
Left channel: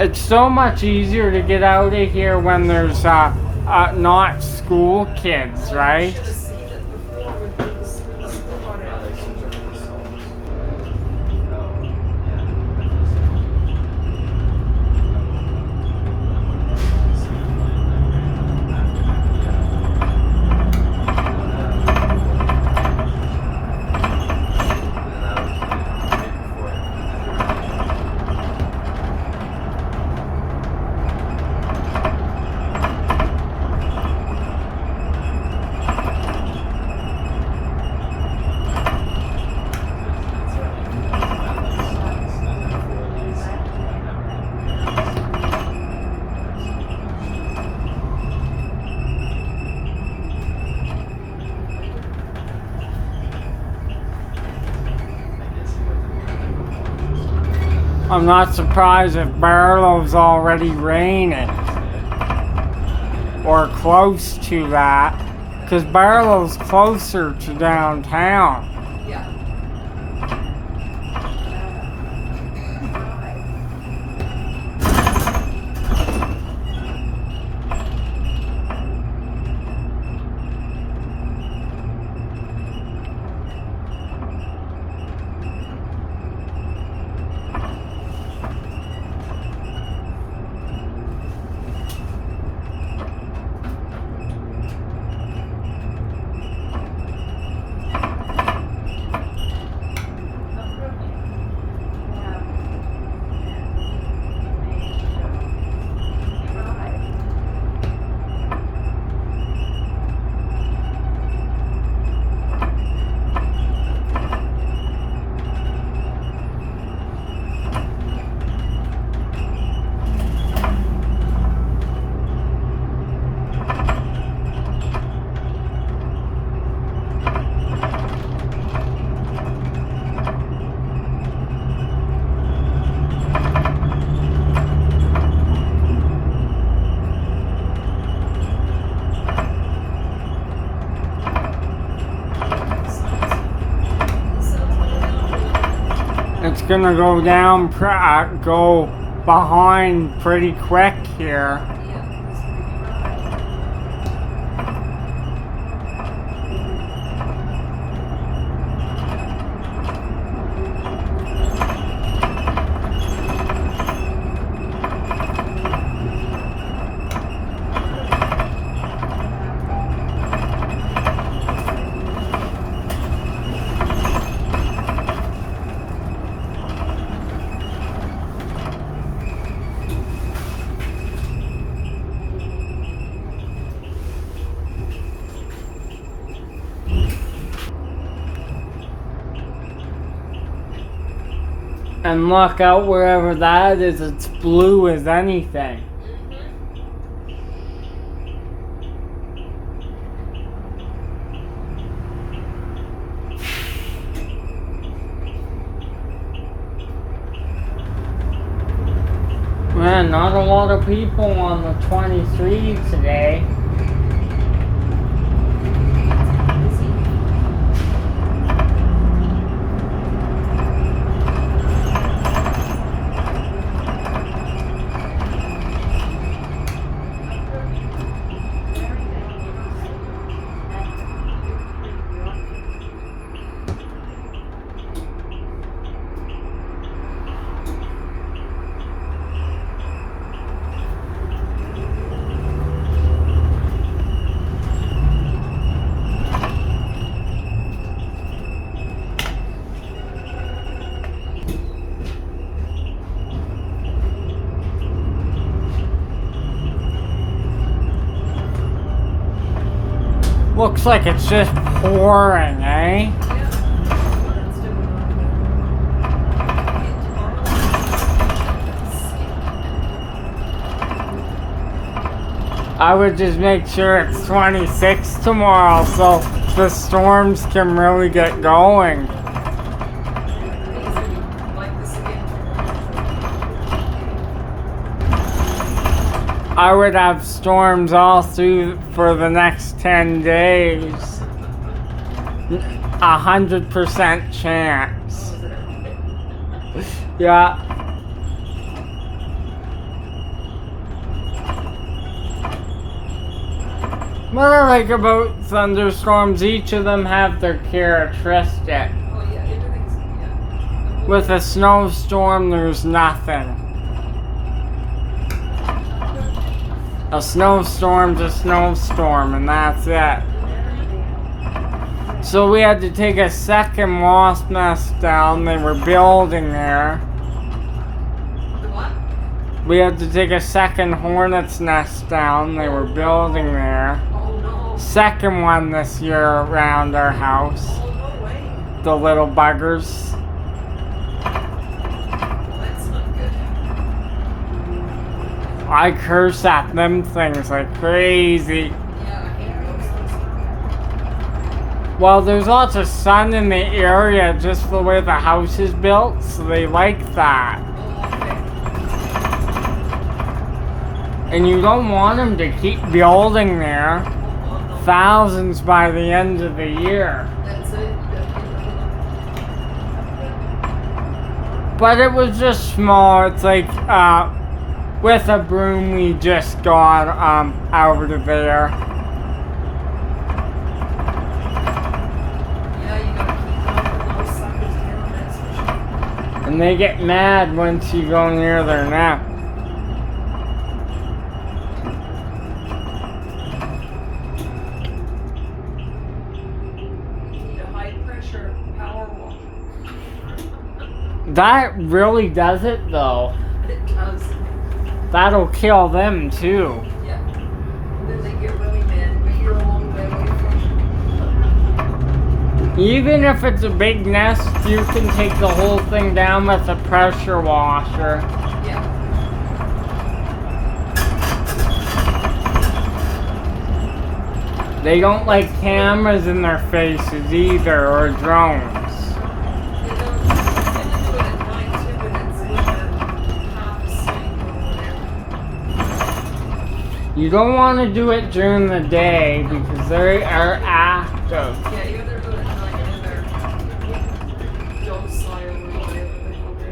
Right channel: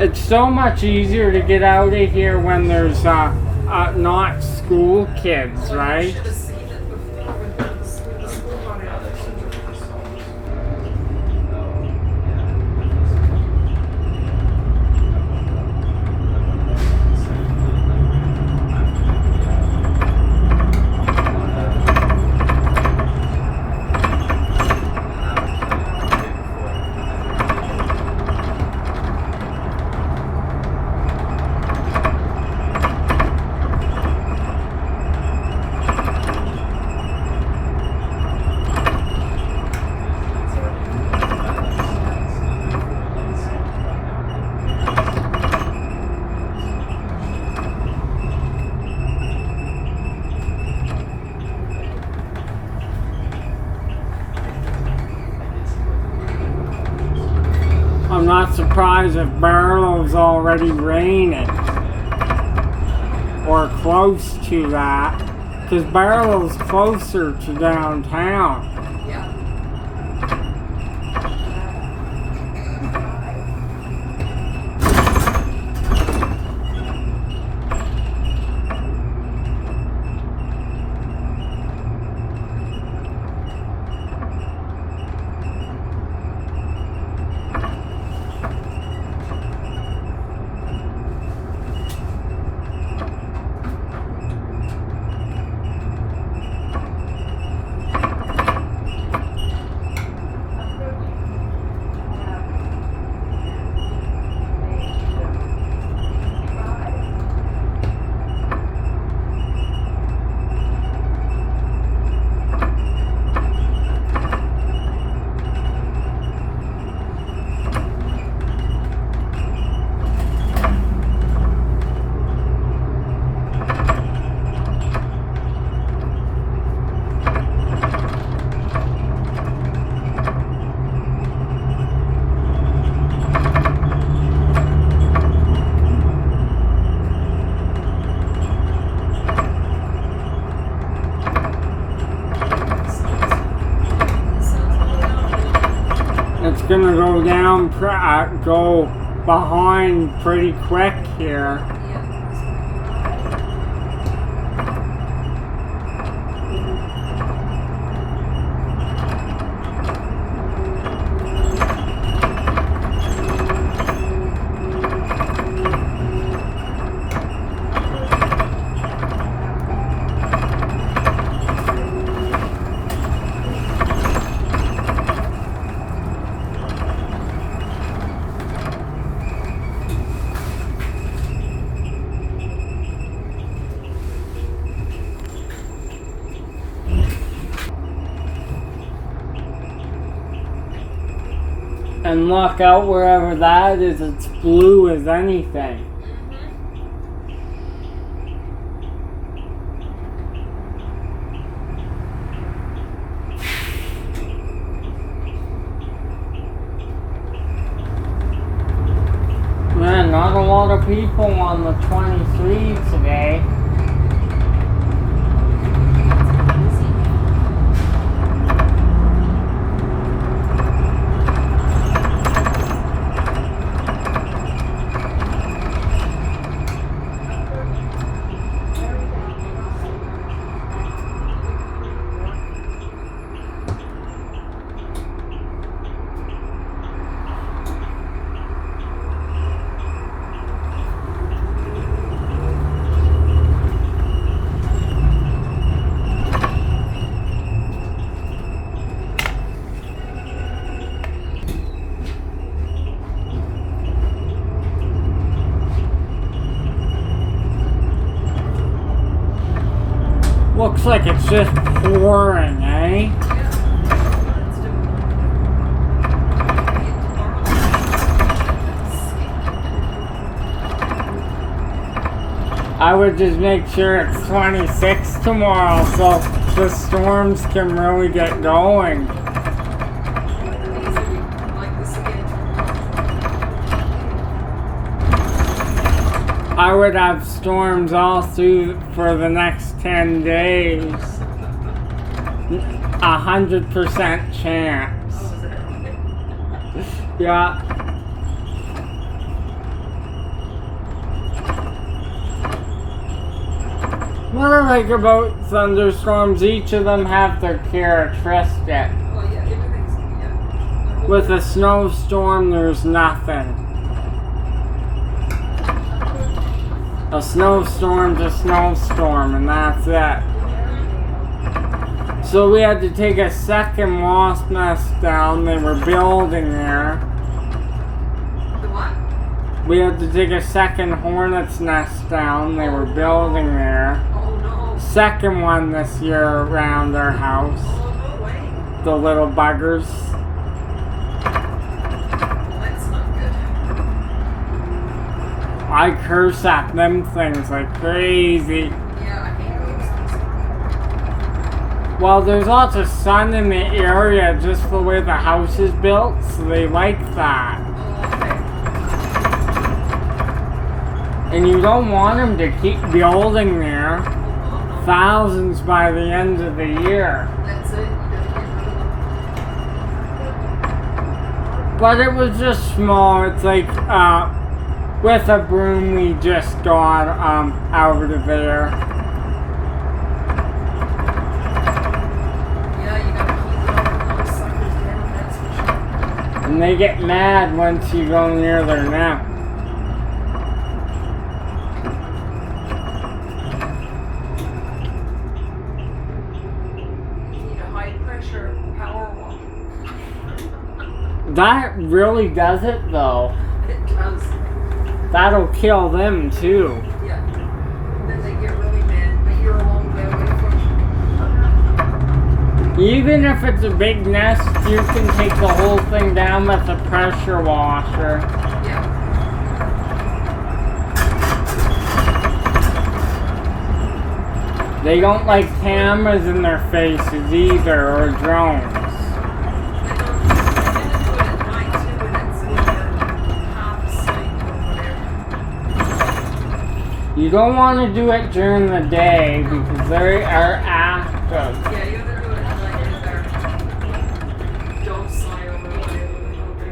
It's so much easier to get out of here when there's not school kids, I right? should have seen it before when the school got out. I'm not surprised if Barlow's already raining. Or close to that. Because Barlow's closer to downtown. Yeah. gonna go down, go behind pretty quick here. And look out wherever that is, it's blue as anything. Man, not a lot of people on the 23 today. Looks like it's just pouring, eh? I would just make sure it's 26 tomorrow so the storms can really get going. I would have storms all through for the next 10 days. 100% chance. Yeah. What I like about thunderstorms, each of them have their characteristic. Oh yeah, everything's, yeah. With a snowstorm, there's nothing. A snowstorm's a snowstorm, and that's it. So we had to take a second wasp nest down. They were building there. The what? We had to take a second hornet's nest down. They were building there. Oh no. Second one this year around our house. Oh no way. The little buggers. That's not good. I curse at them things like crazy. Yeah, I hate those things. Well, there's lots of sun in the area just the way the house is built, so they like that. Oh, okay. And you don't want them to keep building there. Thousands by the end of the year. That's it. You gotta get rid of them. But it was just small. It's like, with a broom we just got, out of there. Yeah, you gotta keep those suckers down, that's for sure. And they get mad once you go near their nest. You need a high pressure power wash. That really does it though. It does. That'll kill them too. Yeah. Then they get really mad. But you're a long way away from Even if it's a big nest, you can take the whole thing down with a pressure washer. Yeah. They don't like cameras in their faces either, or drones. They don't tend to do it at night too when it's half asleep or whatever. You don't want to do it during the day because they are active. Yeah, you gotta do it at night if they're docile or whatever.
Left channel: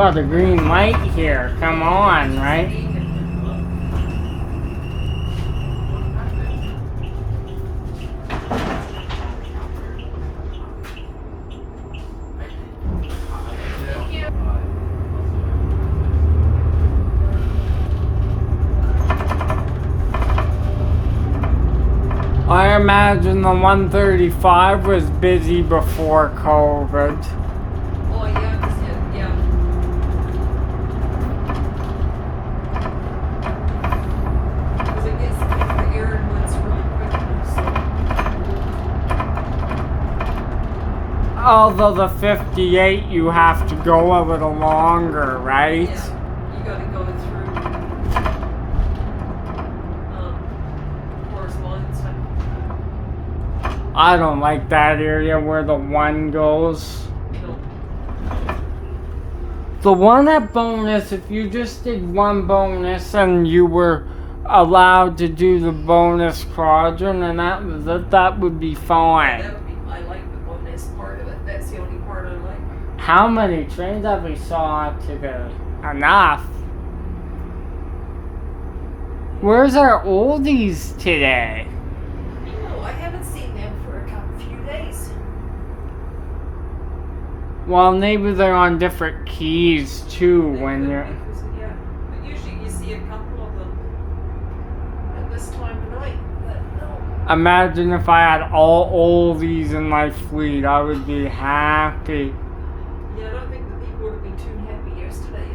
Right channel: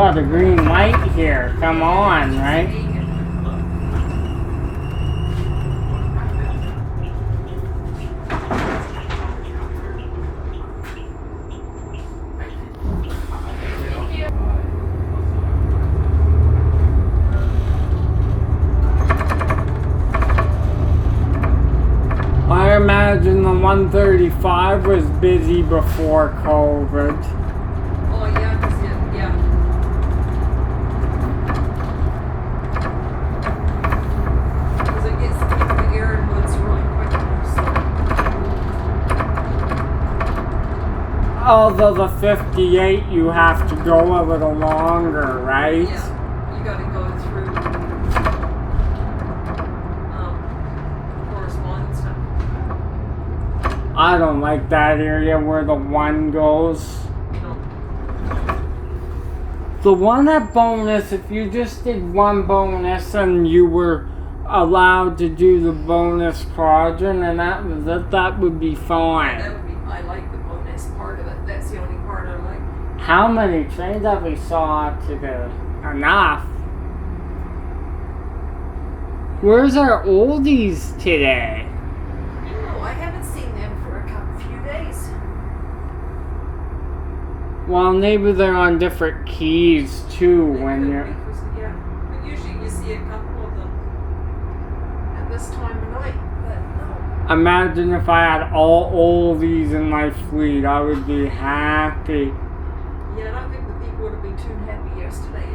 got a green light here. Come on, right? I imagine the 135 was busy before COVID. Oh yeah, 'cause yeah. Because it gets the air and runs really quick. So. Although the 58, you have to go a little longer, right? Yeah, you gotta go through correspondence. I don't like that area where the one goes. No. The one at bonus, if you just did one bonus and you were allowed to do the bonus quadrant and that was it, that would be fine. That would be, I like the bonus part of it. That's the only part I like. How many trains have we saw today? Enough. Where's our oldies today? No, I haven't seen them for a few days. Well, maybe they're on different keys too They when could you're... be, 'cause, yeah, but usually you see a couple of them at this time of night. But no. Imagine if I had all oldies in my fleet, I would be happy. Yeah, I don't think the people would have been too happy yesterday.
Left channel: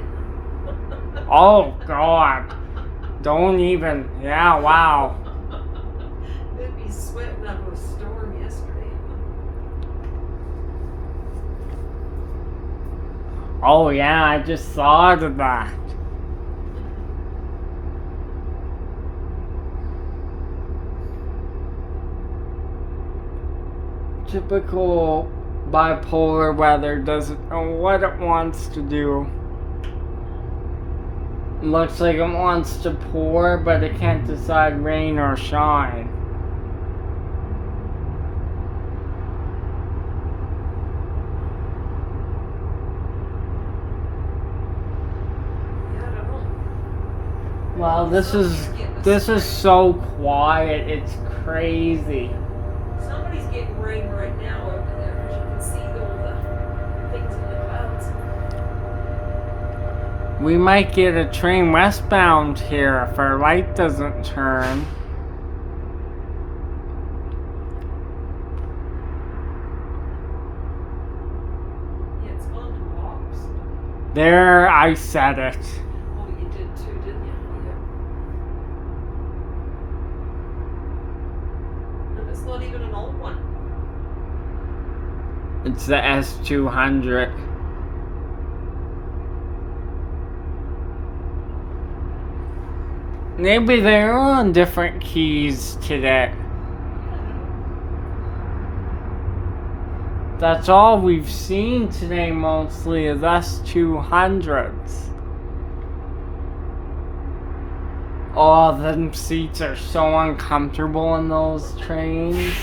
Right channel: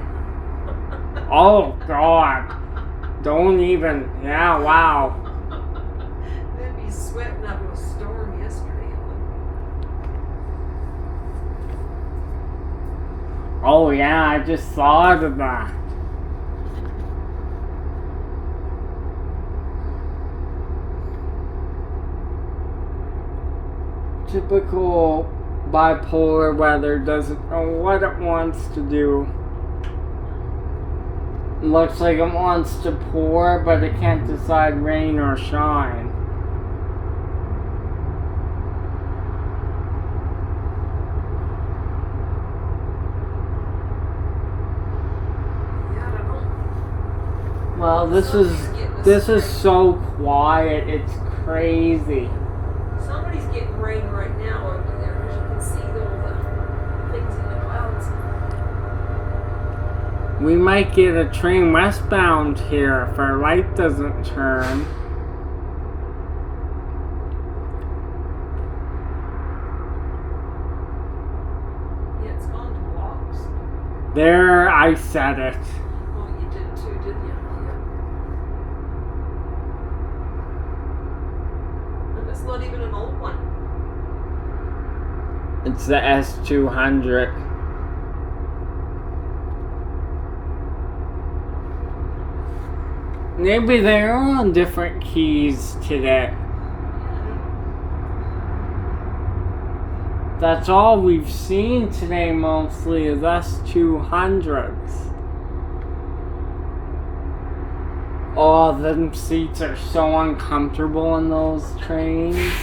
Oh God. Don't even, yeah, wow. They'd be sweating up a storm yesterday. Oh yeah, I just thought of that. Typical bipolar weather doesn't know what it wants to do. Looks like it wants to pour, but it can't decide rain or shine. Yeah, I don't know. Well, this is so quiet, it's crazy. Somebody's getting rain right now over there because you can see all the things in the clouds. We might get a train westbound here if our light doesn't turn. Yeah, it's gone to walks. There, I said it. Oh, you did too, didn't you? Yeah. And it's not even an old one. It's the S200. Maybe they're on different keys today. That's all we've seen today mostly is S200s. Oh, them seats are so uncomfortable in those trains.